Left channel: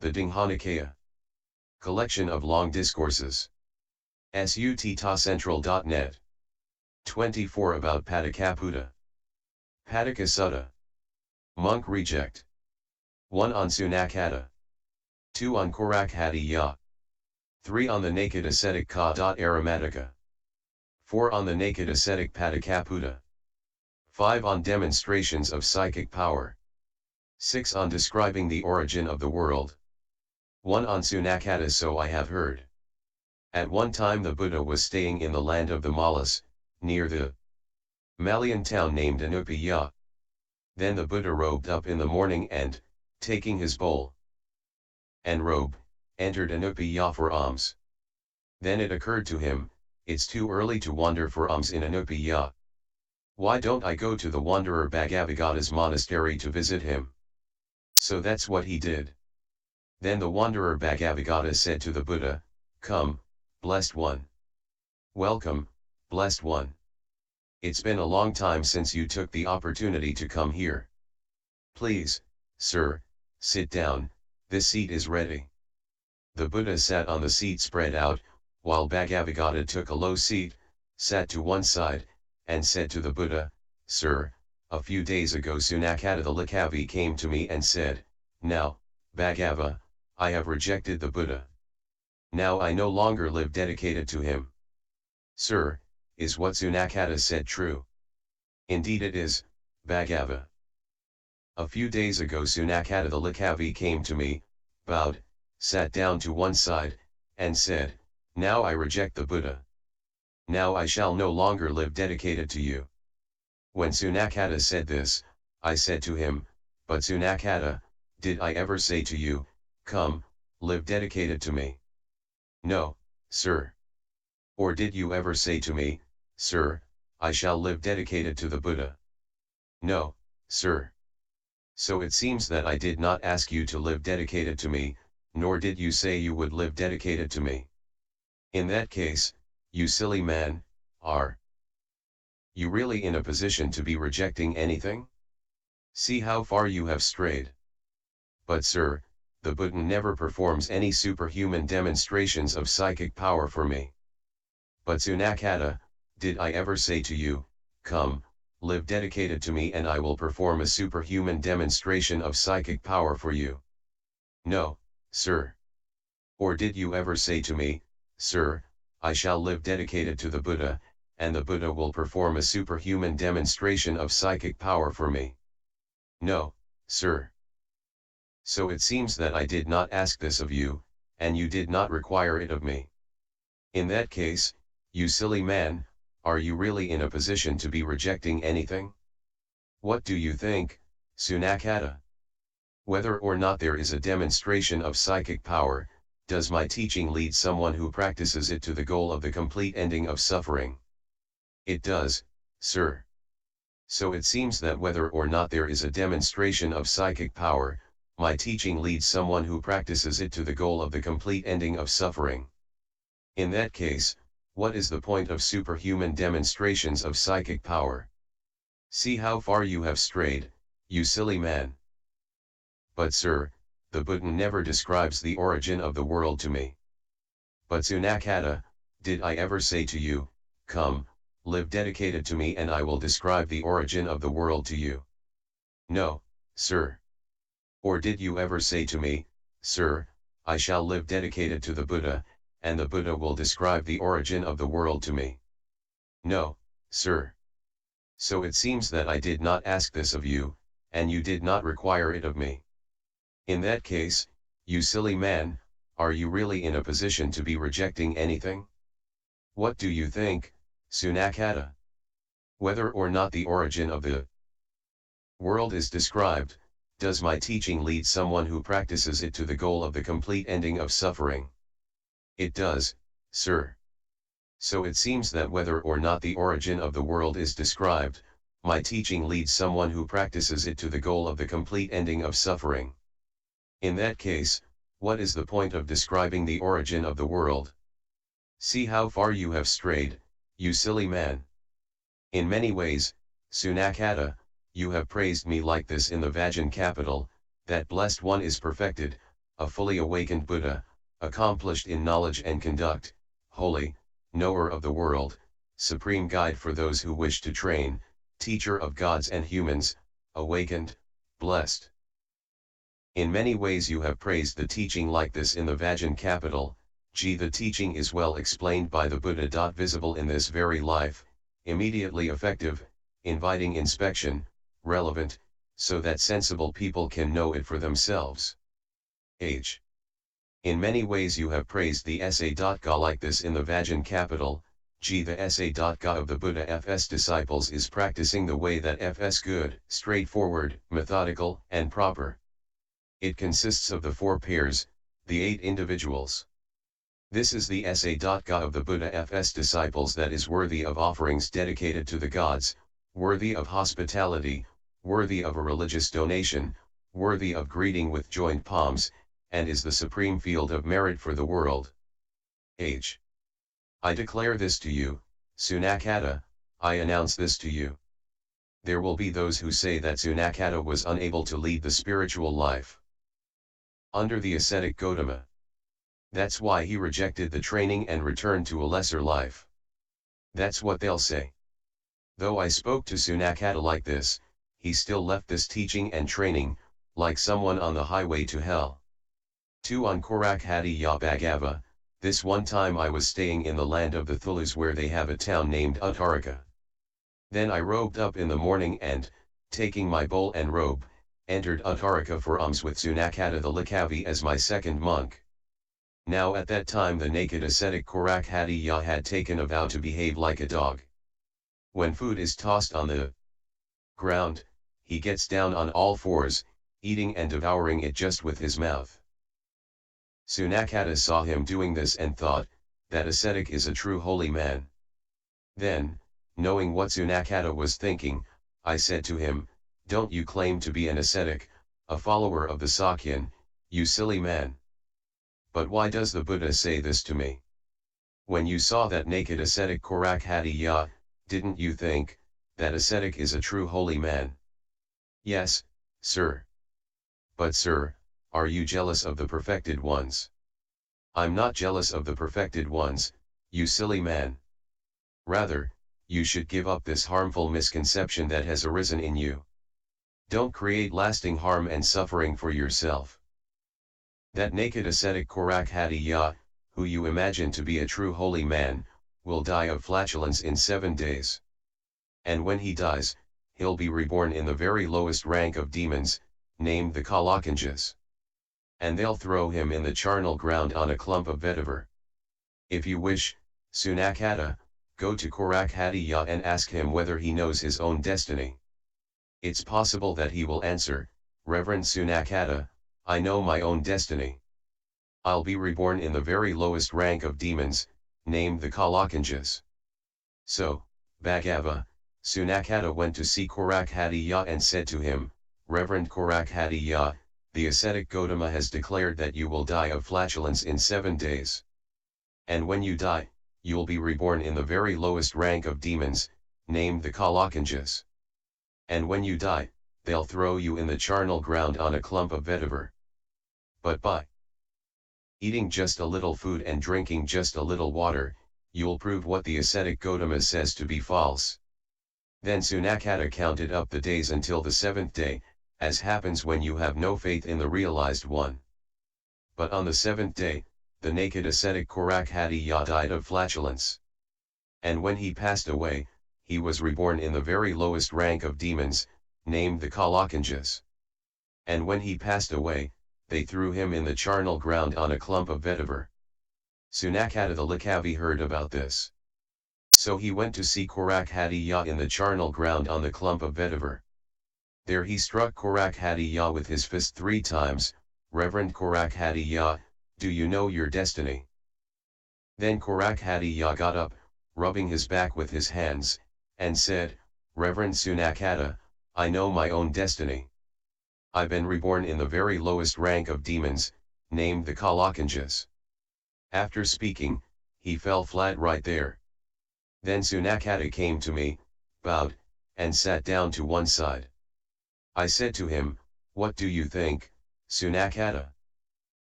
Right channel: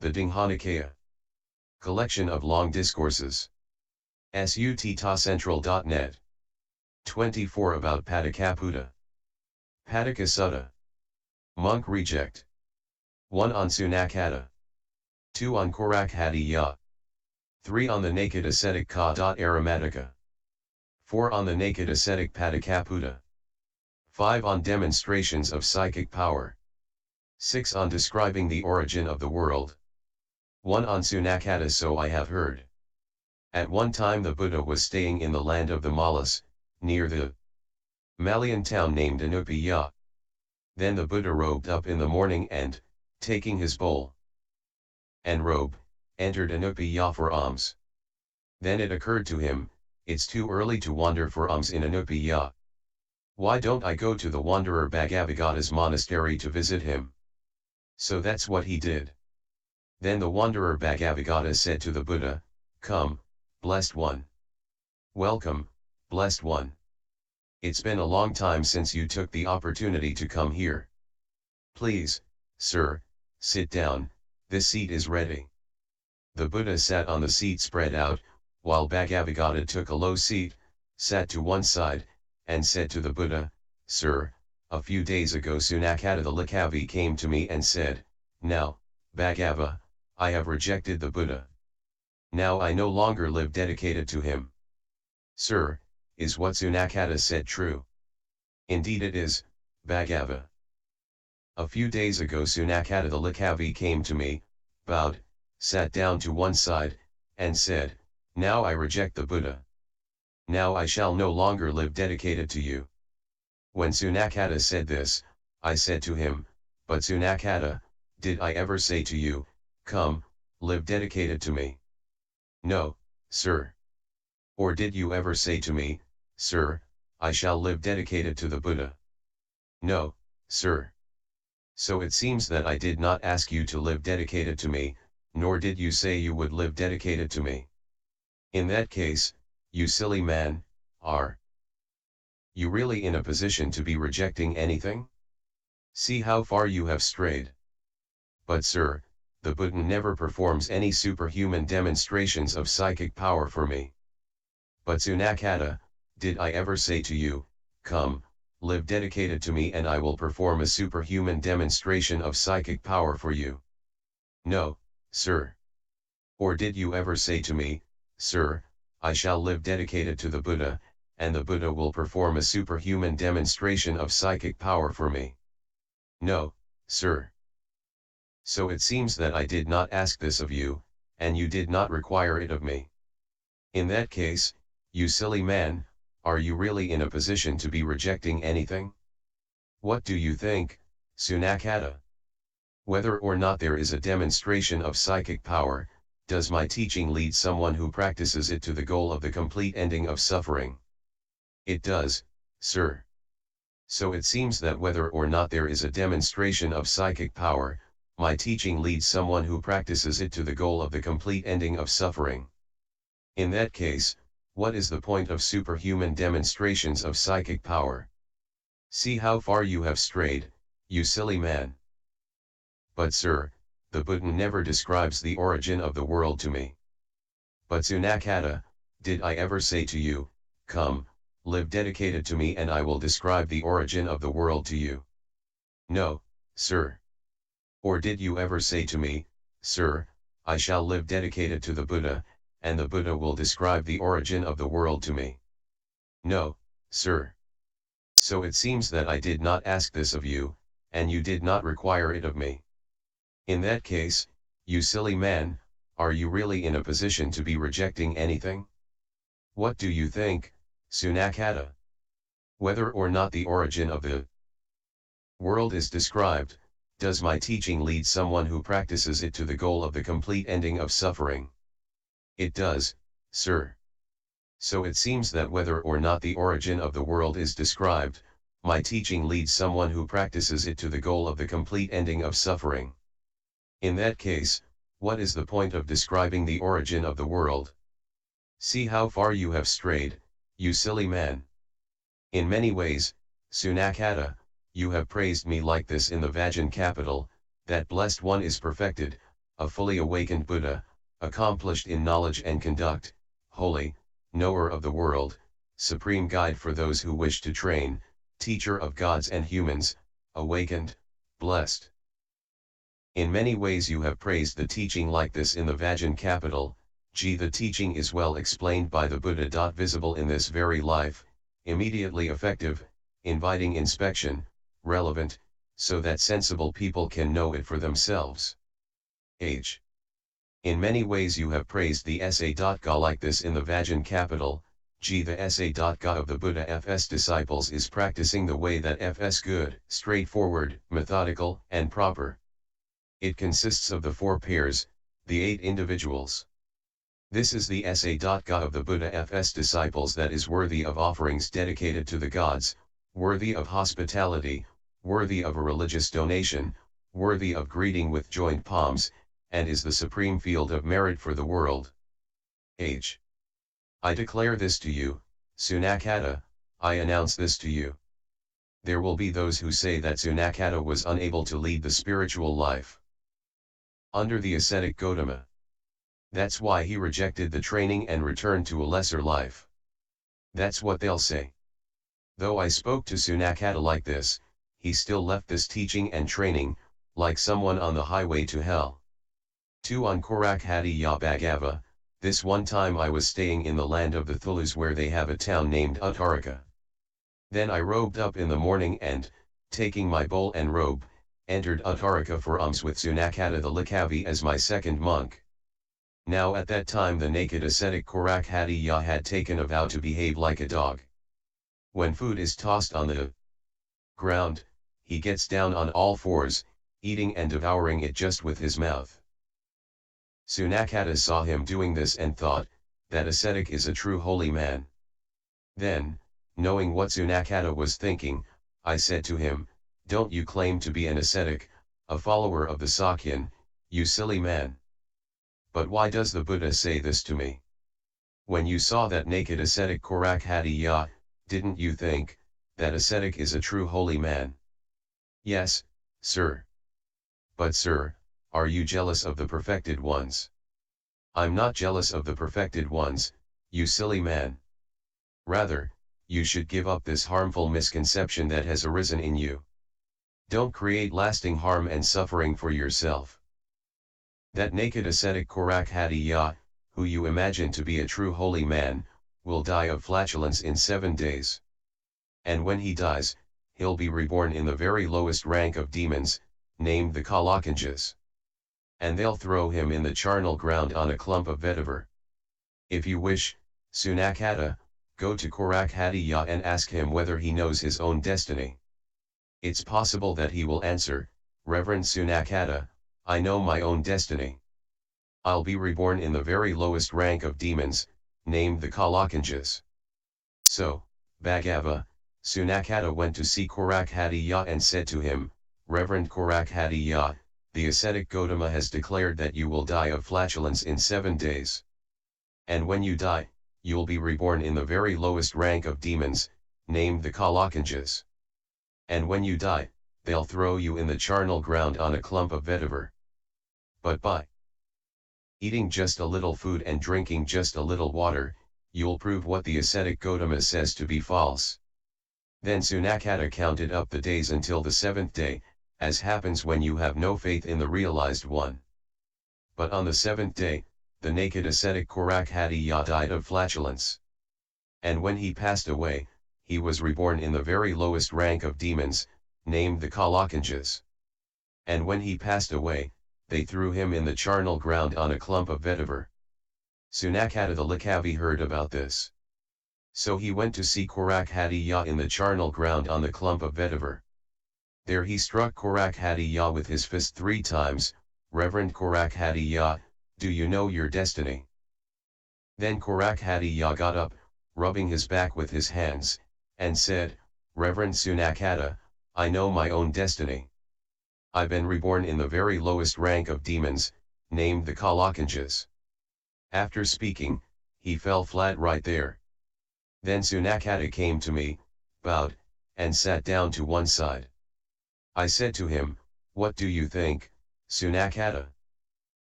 The Digha Nikaya. Collection of Long Discourses. Suttacentral.net. 24 about Pāṭika Sutta. Monk reject. 1 on Sunakkata. 2 on Korakhatiya. 3 on the naked ascetic Ka.Aromatica. 4 on the naked ascetic Pāṭika. 5 on demonstrations of psychic power. 6 on describing the origin of the world. 1 on Sunakkata. So I have heard. At one time the Buddha was staying in the land of the Mallas, near the Malayan town named Anupiya. Then the Buddha robed up in the morning and, taking his bowl and robe, entered Anupiya for alms. Then it occurred to him, it's too early to wander for alms in Anupiya. Why don't I go to the wanderer Bhagavagata's monastery to visit him? So that's what he did. Then the wanderer Bhagavagata said to the Buddha, "Come, blessed one. Welcome, blessed one. It's been a long time since you took the opportunity to come here. Please, sir, sit down, this seat is ready." The Buddha sat on the seat spread out, while Bhagavagata took a low seat, sat to one side, and said to the Buddha, "Sir, a few days ago Sunakkata the Likavi came to me and said, 'Now, Bhagava, I have rejected the Buddha. Now I no longer live dedicated to him.' Sir, is what Sunakkata said true?" "Indeed it is, Bhagava. A few days ago Sunakkata the Likavi came to me, bowed, sat down to one side, and said, 'Now I reject the Buddha. Now I shall no longer live dedicated to you.' When Sunakkata said this, I said to him, 'But Sunakkata, did I ever say to you, come, live dedicated to me?' 'No, sir.' 'Or did you ever say to me, sir, I shall live dedicated to the Buddha?' 'No, sir.' So it seems that I did not ask you to live dedicated to me, nor did you say you would live dedicated to me. In that case, you silly man, are you really in a position to be rejecting anything? See how far you have strayed. But sir, the Buddha never performs any superhuman demonstrations of psychic power for me. But Sunakkata, did I ever say to you, come, live dedicated to me and I will perform a superhuman demonstration of psychic power for you? No, sir. Or did you ever say to me, sir, I shall live dedicated to the Buddha, and the Buddha will perform a superhuman demonstration of psychic power for me? No, sir. So it seems that I did not ask this of you, and you did not require it of me. In that case, you silly man, are you really in a position to be rejecting anything? What do you think, Sunakkata? Whether or not there is a demonstration of psychic power, does my teaching lead someone who practices it to the goal of the complete ending of suffering? It does, sir. So it seems that whether or not there is a demonstration of psychic power, my teaching leads someone who practices it to the goal of the complete ending of suffering. In that case, what is the point of superhuman demonstrations of psychic power? See how far you have strayed, you silly man. But sir, the Buddha never describes the origin of the world to me. But Sunakkata, did I ever say to you, come, live dedicated to me and I will describe the origin of the world to you? No, sir. Or did you ever say to me, sir, I shall live dedicated to the Buddha, and the Buddha will describe the origin of the world to me? No, sir. So it seems that I did not ask this of you, and you did not require it of me. In that case, you silly man, are you really in a position to be rejecting anything? What do you think, Sunakkata? Whether or not the origin of the world is described, does my teaching lead someone who practices it to the goal of the complete ending of suffering? It does, sir. So it seems that whether or not the origin of the world is described, my teaching leads someone who practices it to the goal of the complete ending of suffering. In that case, what is the point of describing the origin of the world? See how far you have strayed, you silly man. In many ways, Sunakkata, you have praised me like this in the Vajjan capital, that blessed one is perfected, a fully awakened Buddha, accomplished in knowledge and conduct, holy, knower of the world, supreme guide for those who wish to train, teacher of gods and humans, awakened, blessed. In many ways you have praised the teaching like this in the Vajjan capital. The teaching is well explained by the Buddha. Visible in this very life, immediately effective, inviting inspection, relevant, so that sensible people can know it for themselves. In many ways you have praised the Sa.Ga like this in the Vajjan capital. The Sa.Ga of the Buddha F's disciples is practicing the way that F's good, straightforward, methodical, and proper. It consists of the 4 pairs, the 8 individuals. This is the Sa.Ga of the Buddha F's disciples that is worthy of offerings dedicated to the gods, worthy of hospitality, worthy of a religious donation, worthy of greeting with joined palms, and is the supreme field of merit for the world. I declare this to you, Sunakata, I announce this to you. There will be those who say that Sunakata was unable to lead the spiritual life under the ascetic Gautama. That's why he rejected the training and returned to a lesser life. That's what they'll say. Though I spoke to Sunakata like this, he still left this teaching and training, like someone on the highway to hell. 2 on Korakhatiya Bhagava, this one time I was staying in the land of the Thulus where they have a town named Uttarika. Then I robed up in the morning and, taking my bowl and robe, entered Uttarika for alms with Sunakata the Likavi as my second monk. Now at that time the naked ascetic Korakhatiya had taken a vow to behave like a dog. When food is tossed on the ground, he gets down on all fours, eating and devouring it just with his mouth. Sunakata saw him doing this and thought, that ascetic is a true holy man. Then, knowing what Sunakata was thinking, I said to him, don't you claim to be an ascetic, a follower of the Sakya, you silly man. But why does the Buddha say this to me? When you saw that naked ascetic Korakhatiya, didn't you think, that ascetic is a true holy man? Yes, sir. But sir, are you jealous of the perfected ones? I'm not jealous of the perfected ones, you silly man. Rather, you should give up this harmful misconception that has arisen in you. Don't create lasting harm and suffering for yourself. That naked ascetic Korakhatiya, who you imagine to be a true holy man, will die of flatulence in 7 days. And when he dies, he'll be reborn in the very lowest rank of demons, named the Kalakanjas. And they'll throw him in the charnel ground on a clump of vetiver. If you wish, Sunakata, go to Korakhatiya and ask him whether he knows his own destiny. It's possible that he will answer, Reverend Sunakata, I know my own destiny. I'll be reborn in the very lowest rank of demons, named the Kalakanjas. So, Bhagava, Sunakata went to see Korakhatiya and said to him, Reverend Korakhatiya, the ascetic Gautama has declared that you will die of flatulence in 7 days. And when you die, you'll be reborn in the very lowest rank of demons, named the Kalakanjas. And when you die, they'll throw you in the charnel ground on a clump of vetiver. But by eating just a little food and drinking just a little water, you'll prove what the ascetic Gautama says to be false. Then Sunakata counted up the days until the 7th day, as happens when you have no faith in the realized one. But on the 7th day, the naked ascetic Korakhatiya died of flatulence. And when he passed away, he was reborn in the very lowest rank of demons, named the Kalakanjas. And when he passed away, they threw him in the charnel ground on a clump of vetiver. Sunakata the Likavi heard about this. So he went to see Korakhatiya in the charnel ground on the clump of vetiver. There he struck Korakhatiya with his fist 3 times, Reverend Korakhatiya, do you know your destiny? Then Korakhatiya got up, rubbing his back with his hands, and said, Reverend Sunakata, I know my own destiny. I've been reborn in the very lowest rank of demons, named the Kalakanjas. After speaking, he fell flat right there. Then Sunakata came to me, bowed, and sat down to one side. I said to him, what do you think, Sunakata?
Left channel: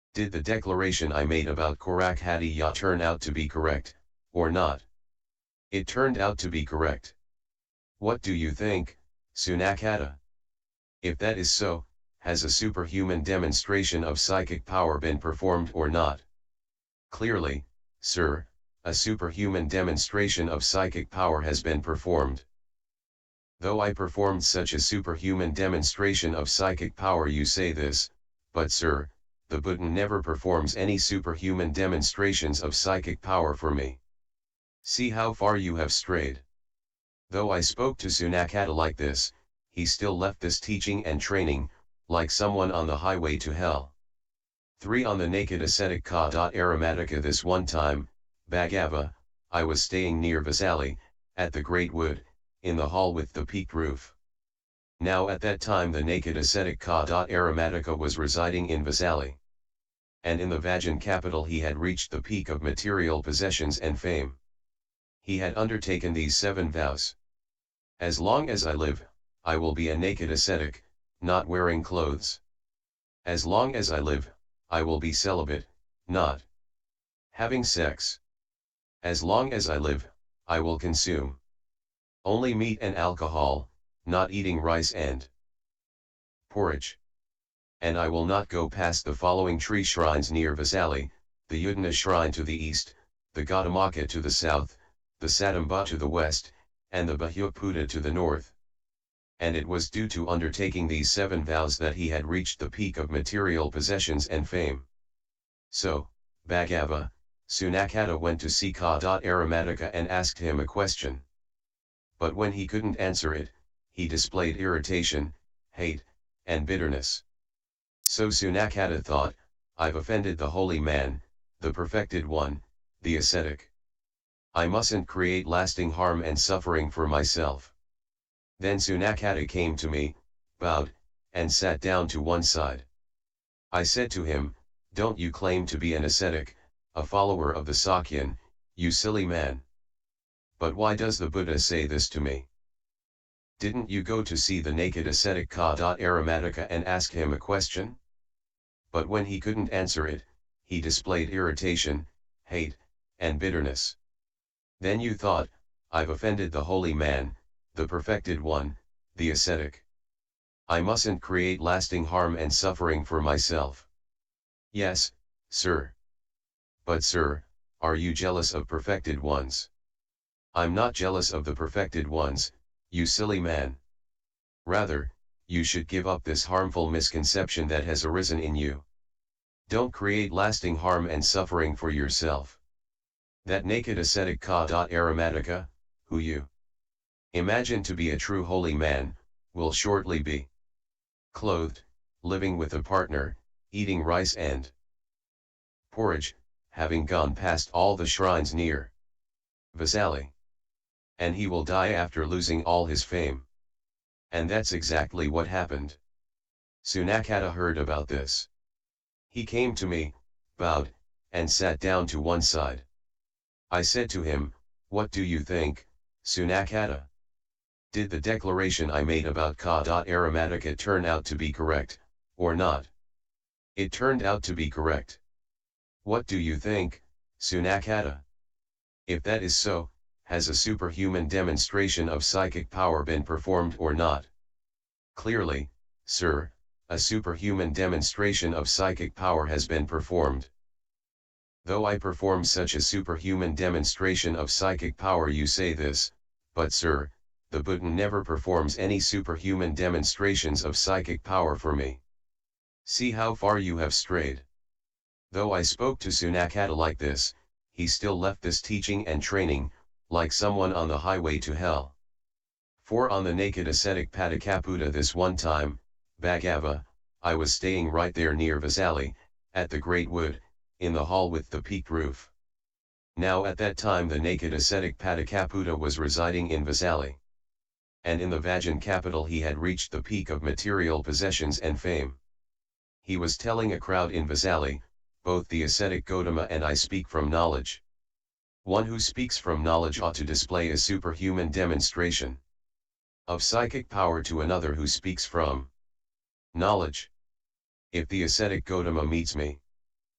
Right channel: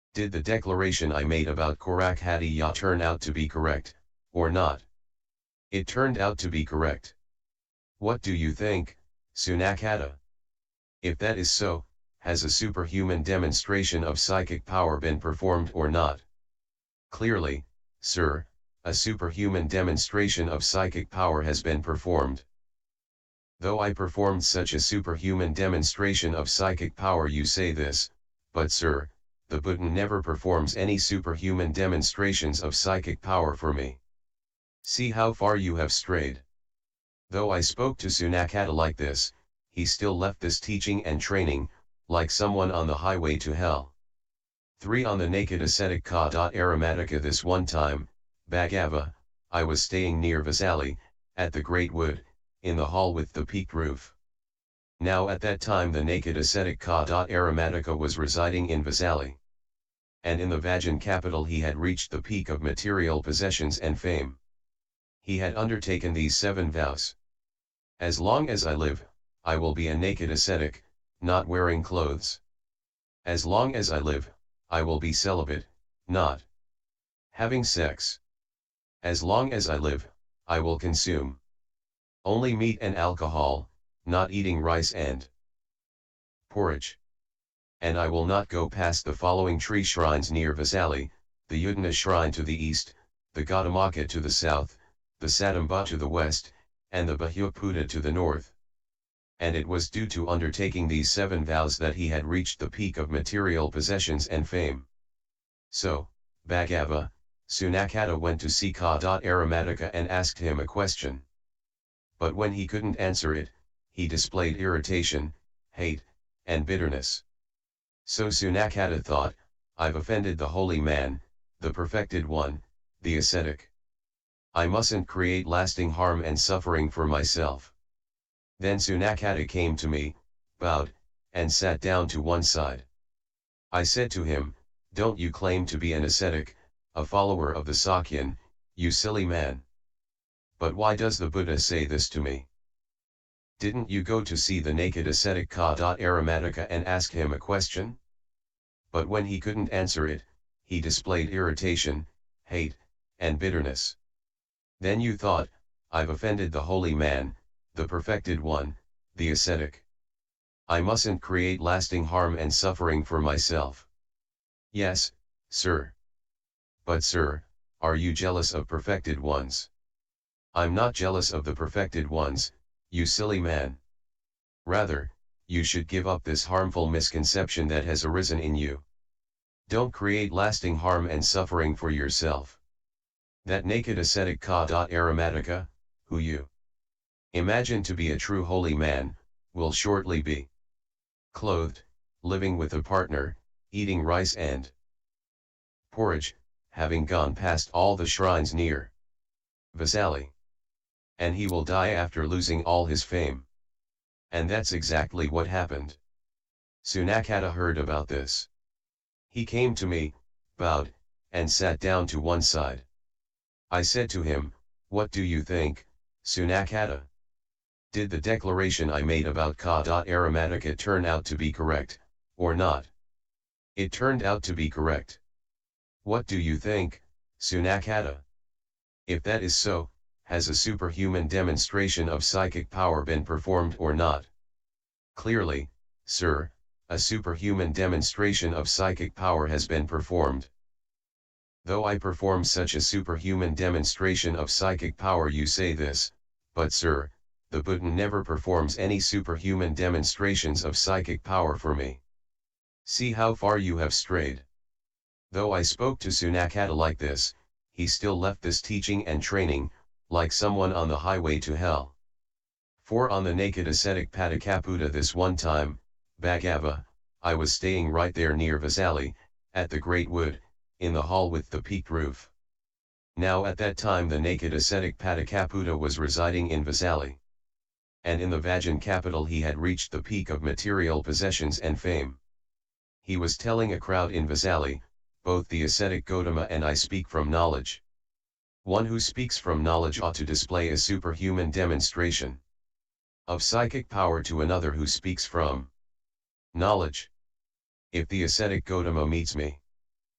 Did the declaration I made about Korakhatiya turn out to be correct, or not? It turned out to be correct. What do you think, Sunakata? If that is so, has a superhuman demonstration of psychic power been performed or not? Clearly, sir, a superhuman demonstration of psychic power has been performed. Though I performed such a superhuman demonstration of psychic power, you say this, but sir, the Buddha never performs any superhuman demonstrations of psychic power for me. See how far you have strayed. Though I spoke to Sunakata like this, he still left this teaching and training, like someone on the highway to hell. 3 On the naked ascetic Aromatica. This one time, Bhagava, I was staying near Vesali, at the great wood, in the hall with the peaked roof. Now at that time the naked ascetic Aromatica was residing in Vesali. And in the Vajan capital he had reached the peak of material possessions and fame. He had undertaken these 7 vows. As long as I live, I will be a naked ascetic, not wearing clothes. As long as I live, I will be celibate, not having sex. As long as I live, I will consume only meat and alcohol, not eating rice and porridge. And I will not go past the following tree shrines near Vesali, the Udana shrine to the east, the Gaudamaka to the south, the Sadamba to the west, and the Bhikkhu to the north. And it was due to undertaking these 7 vows that he had reached the peak of material possessions and fame. So, Bhagava, Sunakata went to see Aromatica and asked him a question. But when he couldn't answer it, he displayed irritation, hate, and bitterness. So Sunakata thought, I've offended the holy man, the perfected one, the ascetic. I mustn't create lasting harm and suffering for myself. Then Sunakata came to me, bowed, and sat down to one side. I said to him, don't you claim to be an ascetic, a follower of the Sakya-anha, you silly man? But why does the Buddha say this to me? Didn't you go to see the naked ascetic Aromatica and ask him a question? But when he couldn't answer it, he displayed irritation, hate, and bitterness. Then you thought, I've offended the holy man, the perfected one, the ascetic. I mustn't create lasting harm and suffering for myself. Yes, sir. But sir, are you jealous of perfected ones? I'm not jealous of the perfected ones, you silly man. Rather, you should give up this harmful misconception that has arisen in you. Don't create lasting harm and suffering for yourself. That naked ascetic Aromatica, who you imagine to be a true holy man, will shortly be clothed, living with a partner, eating rice and porridge, having gone past all the shrines near Vesali. And he will die after losing all his fame. And that's exactly what happened. Sunakata heard about this. He came to me, bowed, and sat down to one side. I said to him, what do you think, Sunakata? Did the declaration I made about Aromatica turn out to be correct, or not? It turned out to be correct. What do you think, Sunakata? If that is so, has a superhuman demonstration of psychic power been performed or not? Clearly, sir, a superhuman demonstration of psychic power has been performed. Though I perform such a superhuman demonstration of psychic power, you say this, but sir, the Buddha never performs any superhuman demonstrations of psychic power for me. See how far you have strayed. Though I spoke to Sunakata like this, he still left this teaching and training, like someone on the highway to hell. 4 On the naked ascetic Pāṭika. This one time, Bhagava, I was staying right there near Vesali, at the great wood, in the hall with the peaked roof. Now at that time the naked ascetic Pāṭika was residing in Vesali. And in the Vajan capital he had reached the peak of material possessions and fame. He was telling a crowd in Vesali, both the ascetic Gautama and I speak from knowledge. One who speaks from knowledge ought to display a superhuman demonstration of psychic power to another who speaks from knowledge. If the ascetic Gautama meets me,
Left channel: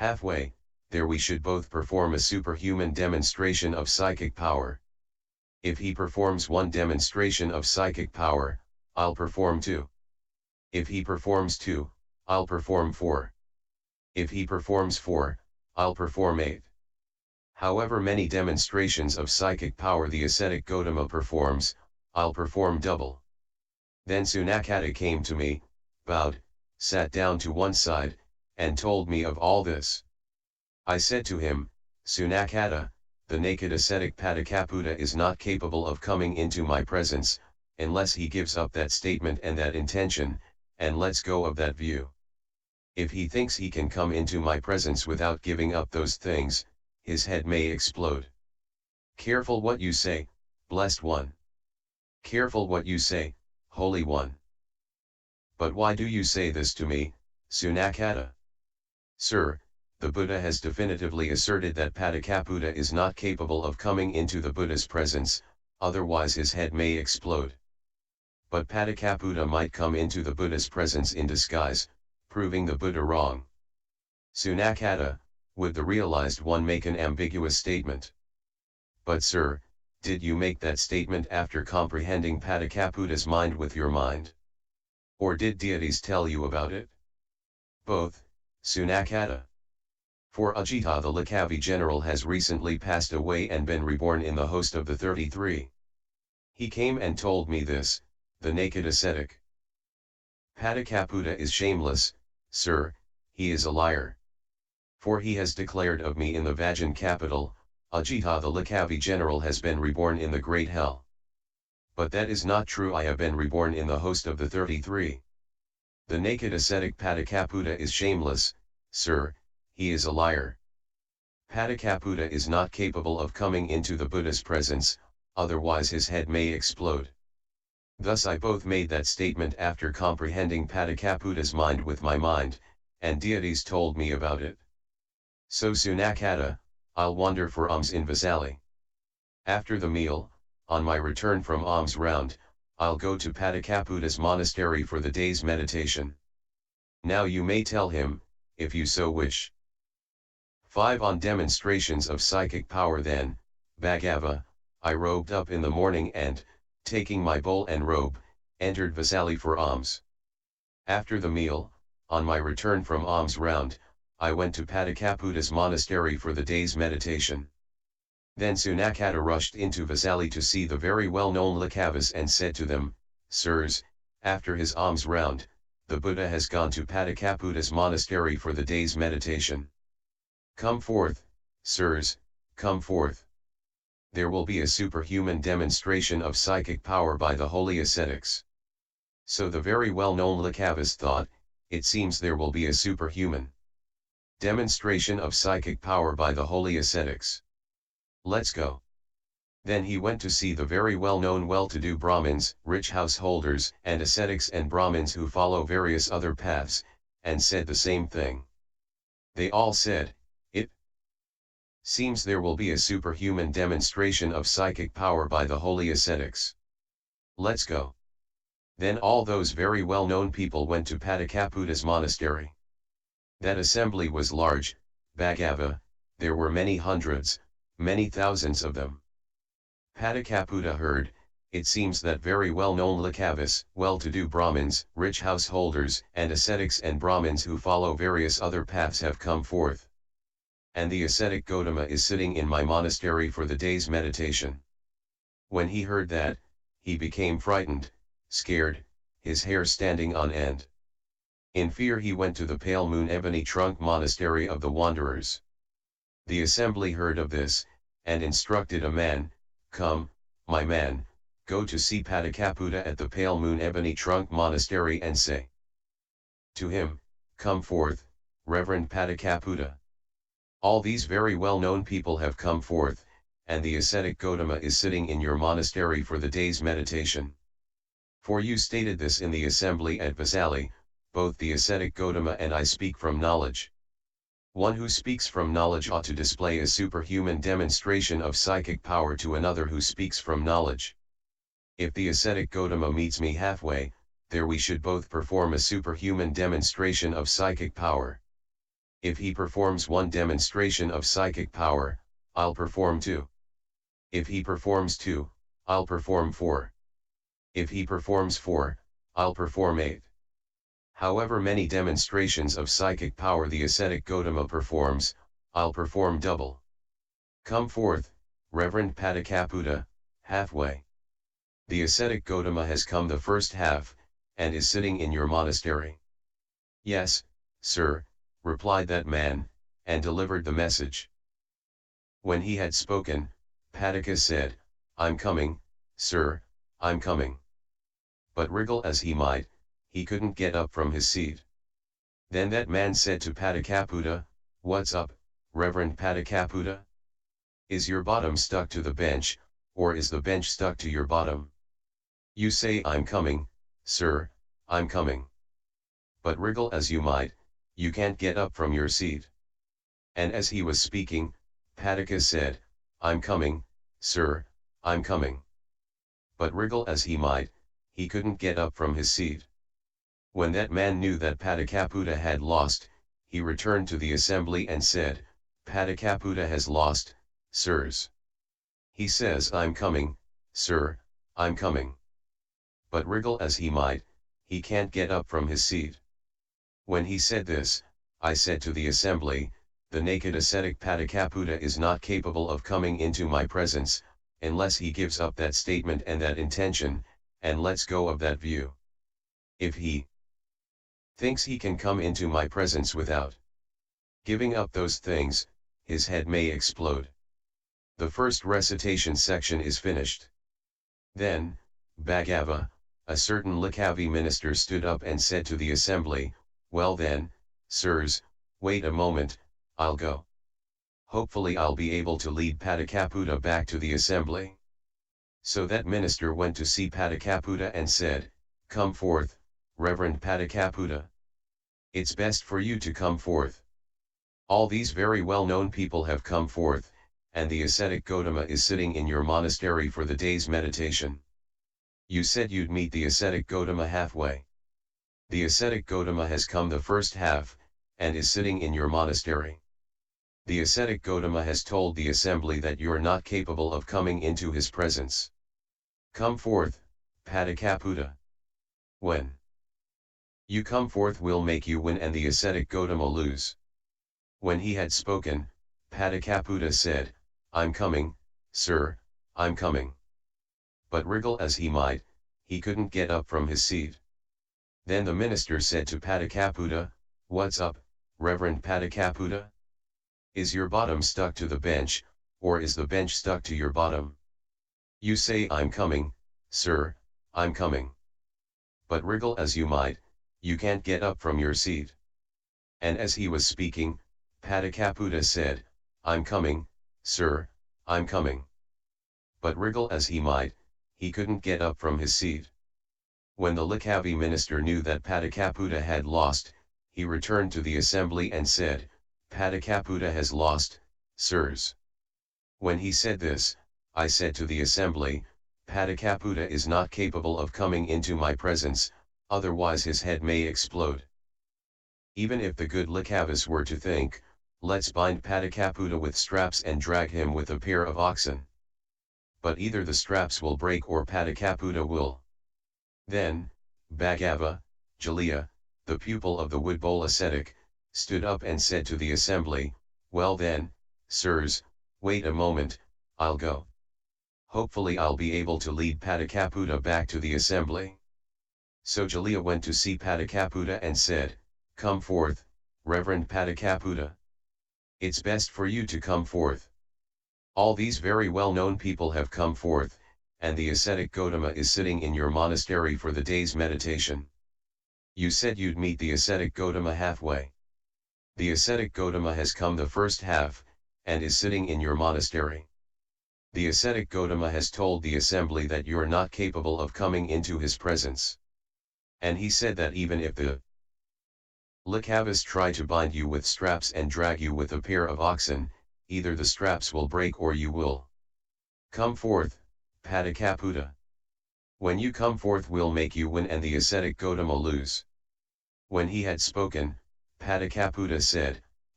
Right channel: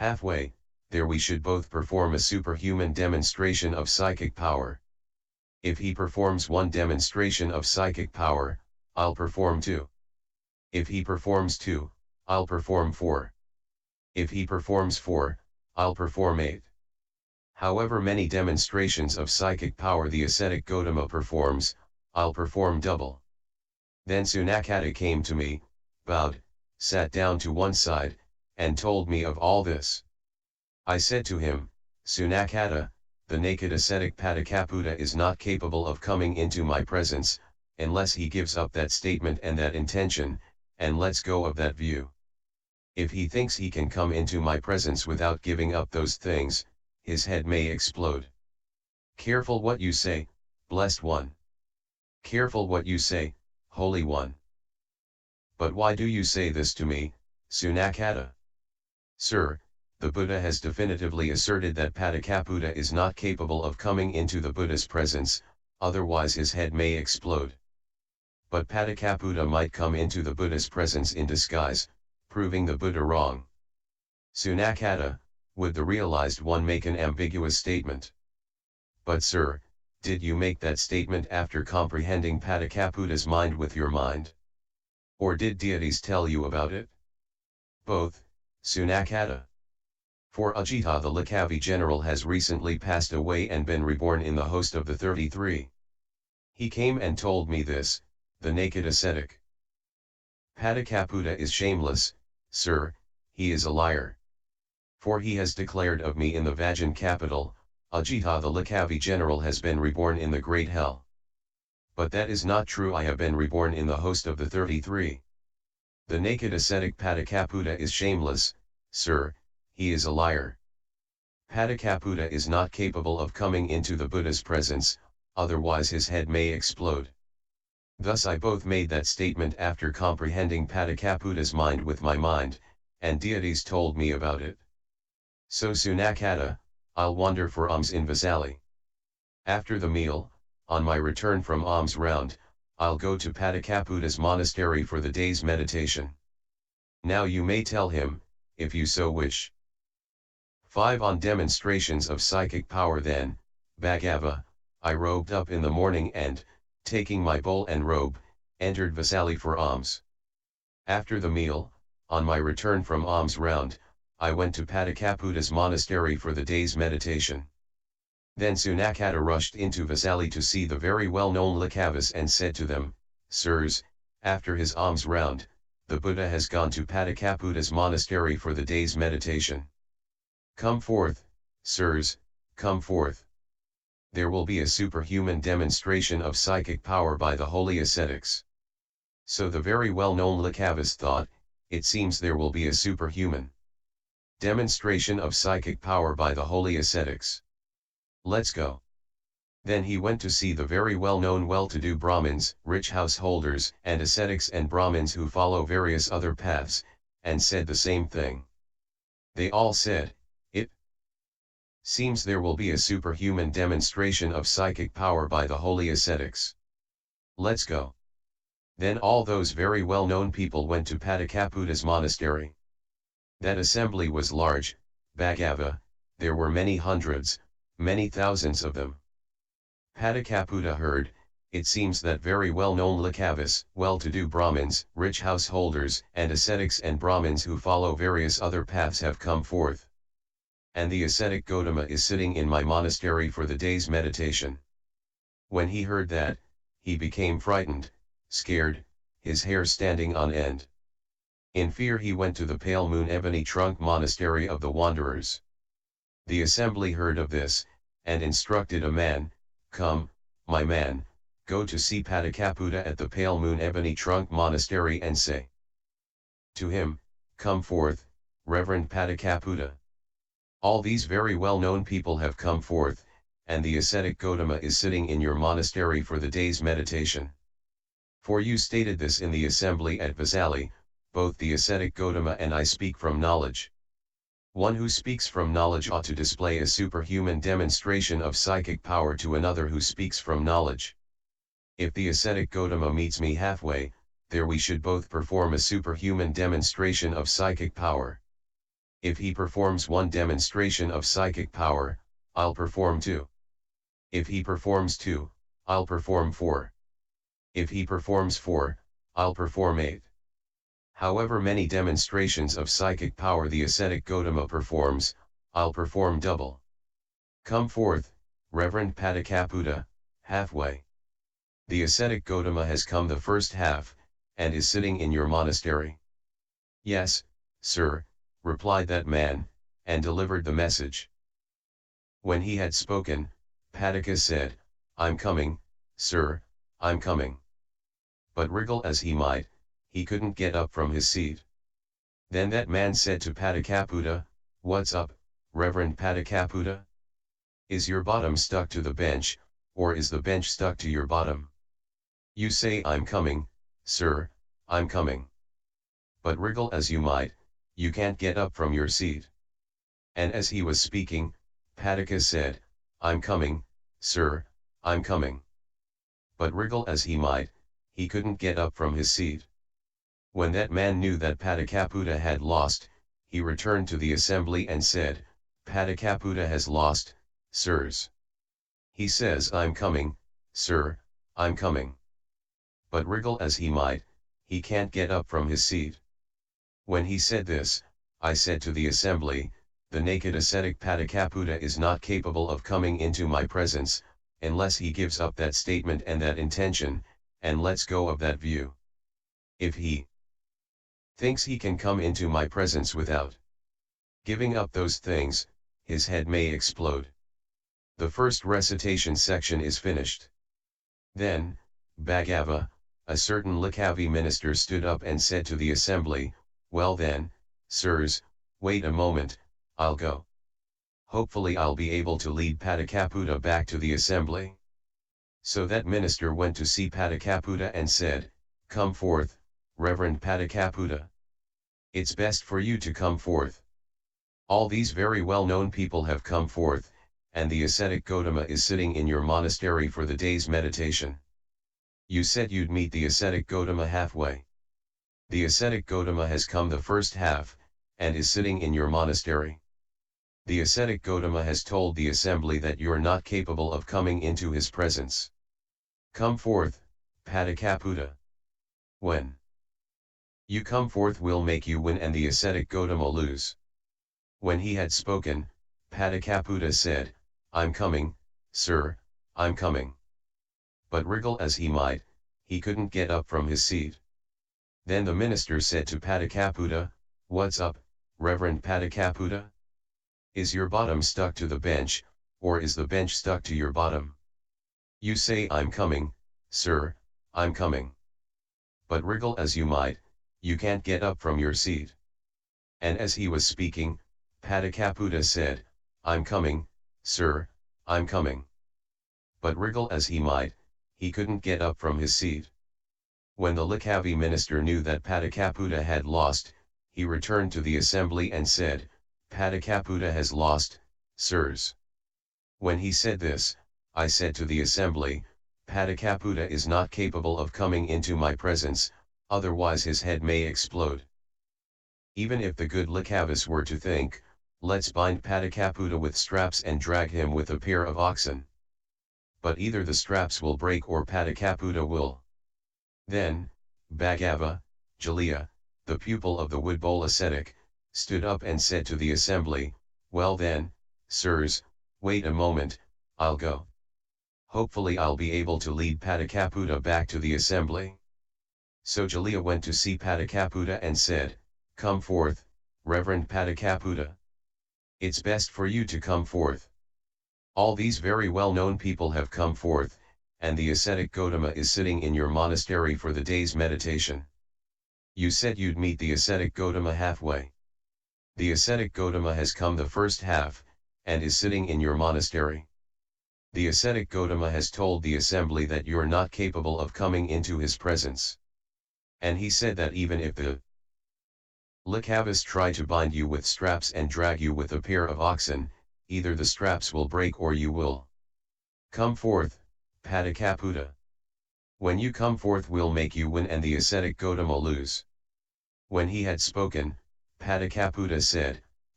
Halfway, there we should both perform a superhuman demonstration of psychic power. If he performs one demonstration of psychic power, I'll perform two. If he performs two, I'll perform four. If he performs four, I'll perform eight. However many demonstrations of psychic power the ascetic Gotama performs, I'll perform double. Then Sunakata came to me, bowed, sat down to one side, and told me of all this. I said to him, Sunakata, the naked ascetic Pāṭika is not capable of coming into my presence, unless he gives up that statement and that intention, and lets go of that view. If he thinks he can come into my presence without giving up those things, his head may explode. Careful what you say, blessed one. Careful what you say, holy one. But why do you say this to me, Sunakata? Sir, the Buddha has definitively asserted that Pāṭika is not capable of coming into the Buddha's presence, otherwise his head may explode. But Pāṭika might come into the Buddha's presence in disguise, proving the Buddha wrong. Sunakata, would the realized one make an ambiguous statement? But sir, did you make that statement after comprehending Pāṭika's mind with your mind? Or did deities tell you about it? Both, Sunakata. For Ajita the Likavi general has recently passed away and been reborn in the host of the 33. He came and told me this, the naked ascetic. Pāṭika is shameless, sir, he is a liar. For he has declared of me in the Vajan capital, Ajita the Likavi general has been reborn in the great hell. But that is not true, I have been reborn in the host of the 33. The naked ascetic Pāṭika is shameless, sir, he is a liar. Pāṭika is not capable of coming into the Buddha's presence, otherwise his head may explode. Thus I both made that statement after comprehending Pāṭika's mind with my mind, and deities told me about it. So Sunakata, I'll wander for alms in Vesali. After the meal, on my return from alms round, I'll go to Pāṭika's monastery for the day's meditation. Now you may tell him, if you so wish. 5 On demonstrations of psychic power. Then, Bhagava, I robed up in the morning and, taking my bowl and robe, entered Vesali for alms. After the meal, on my return from alms round, I went to Pāṭika's monastery for the day's meditation. Then Sunakata rushed into Vesali to see the very well-known Likavas and said to them, Sirs, after his alms round, the Buddha has gone to Pāṭika's monastery for the day's meditation. Come forth, sirs, come forth. There will be a superhuman demonstration of psychic power by the holy ascetics. So the very well-known Likavas thought, it seems there will be a superhuman demonstration of psychic power by the holy ascetics. Let's go. Then he went to see the very well-known well-to-do Brahmins, rich householders, and ascetics and Brahmins who follow various other paths, and said the same thing. They all said, it seems there will be a superhuman demonstration of psychic power by the holy ascetics. Let's go. Then all those very well-known people went to Pāṭika's monastery. That assembly was large, Bhagava, there were many hundreds, many thousands of them. Pāṭika heard, it seems that very well-known Likavas, well-to-do Brahmins, rich householders, and ascetics and Brahmins who follow various other paths have come forth. And the ascetic Gotama is sitting in my monastery for the day's meditation. When he heard that, he became frightened, scared, his hair standing on end. In fear he went to the Pale Moon Ebony Trunk Monastery of the Wanderers. The assembly heard of this, and instructed a man, Come, my man, go to see Pāṭika at the Pale Moon Ebony Trunk Monastery and say to him, Come forth, Reverend Pāṭika. All these very well-known people have come forth, and the ascetic Gotama is sitting in your monastery for the day's meditation. For you stated this in the assembly at Vesali, both the ascetic Gotama and I speak from knowledge. One who speaks from knowledge ought to display a superhuman demonstration of psychic power to another who speaks from knowledge. If the ascetic Gotama meets me halfway, there we should both perform a superhuman demonstration of psychic power. If he performs one demonstration of psychic power, I'll perform 2. If he performs 2, I'll perform 4. If he performs 4, I'll perform 8. However many demonstrations of psychic power the ascetic Gotama performs, I'll perform double. Come forth, Reverend Pāṭika, halfway. The ascetic Gotama has come the first half, and is sitting in your monastery. Yes, sir, replied that man, and delivered the message. When he had spoken, Pāṭika said, I'm coming, sir, I'm coming. But wriggle as he might, he couldn't get up from his seat. Then that man said to Pāṭika, what's up, Reverend Pāṭika? Is your bottom stuck to the bench, or is the bench stuck to your bottom? You say I'm coming, sir, I'm coming. But wriggle as you might, you can't get up from your seat. And as he was speaking, Pāṭika said, I'm coming, sir, I'm coming. But wriggle as he might, he couldn't get up from his seat. When that man knew that Pāṭika had lost, he returned to the assembly and said, Pāṭika has lost, sirs. He says I'm coming, sir, I'm coming. But wriggle as he might, he can't get up from his seat. When he said this, I said to the assembly, the naked ascetic Pāṭika is not capable of coming into my presence, unless he gives up that statement and that intention, and lets go of that view. If he thinks he can come into my presence without giving up those things, his head may explode. The first recitation section is finished. Then, Bhagava, a certain Likavi minister stood up and said to the assembly, well then, sirs, wait a moment, I'll go. Hopefully I'll be able to lead Pāṭika back to the assembly. So that minister went to see Pāṭika and said, come forth, Reverend Pāṭika. It's best for you to come forth. All these very well-known people have come forth, and the ascetic Gotama is sitting in your monastery for the day's meditation. You said you'd meet the ascetic Gotama halfway. The ascetic Gotama has come the first half, and is sitting in your monastery. The ascetic Gotama has told the assembly that you're not capable of coming into his presence. Come forth, Pāṭika. When you come forth we'll make you win and the ascetic Gotama lose. When he had spoken, Pāṭika said, I'm coming, sir, I'm coming. But wriggle as he might, he couldn't get up from his seat. Then the minister said to Pāṭika, what's up, Reverend Pāṭika? Is your bottom stuck to the bench, or is the bench stuck to your bottom? You say I'm coming, sir, I'm coming. But wriggle as you might, you can't get up from your seat. And as he was speaking, Pāṭika said, I'm coming, sir, I'm coming. But wriggle as he might, he couldn't get up from his seat. When the Likavi minister knew that Pāṭika had lost, he returned to the assembly and said, Pāṭika has lost, sirs. When he said this, I said to the assembly, Pāṭika is not capable of coming into my presence, otherwise his head may explode. Even if the good Likavis were to think, let's bind Pāṭika with straps and drag him with a pair of oxen. But either the straps will break or Pāṭika will. Then, Bhagava, Jalya, the pupil of the wood bowl ascetic, stood up and said to the assembly, well then, sirs, wait a moment, I'll go. Hopefully I'll be able to lead Pāṭika back to the assembly. So Jalya went to see Pāṭika and said, come forth, Reverend Pāṭika. It's best for you to come forth. All these very well-known people have come forth, and the ascetic Gotama is sitting in your monastery for the day's meditation. You said you'd meet the ascetic Gotama halfway. The ascetic Gotama has come the first half, and is sitting in your monastery. The ascetic Gotama has told the assembly that you're not capable of coming into his presence. And he said that even if the Likavis try to bind you with straps and drag you with a pair of oxen, either the straps will break or you will come forth, Pāṭika. When you come forth we'll make you win and the ascetic Gotama lose. When he had spoken, Pāṭika said,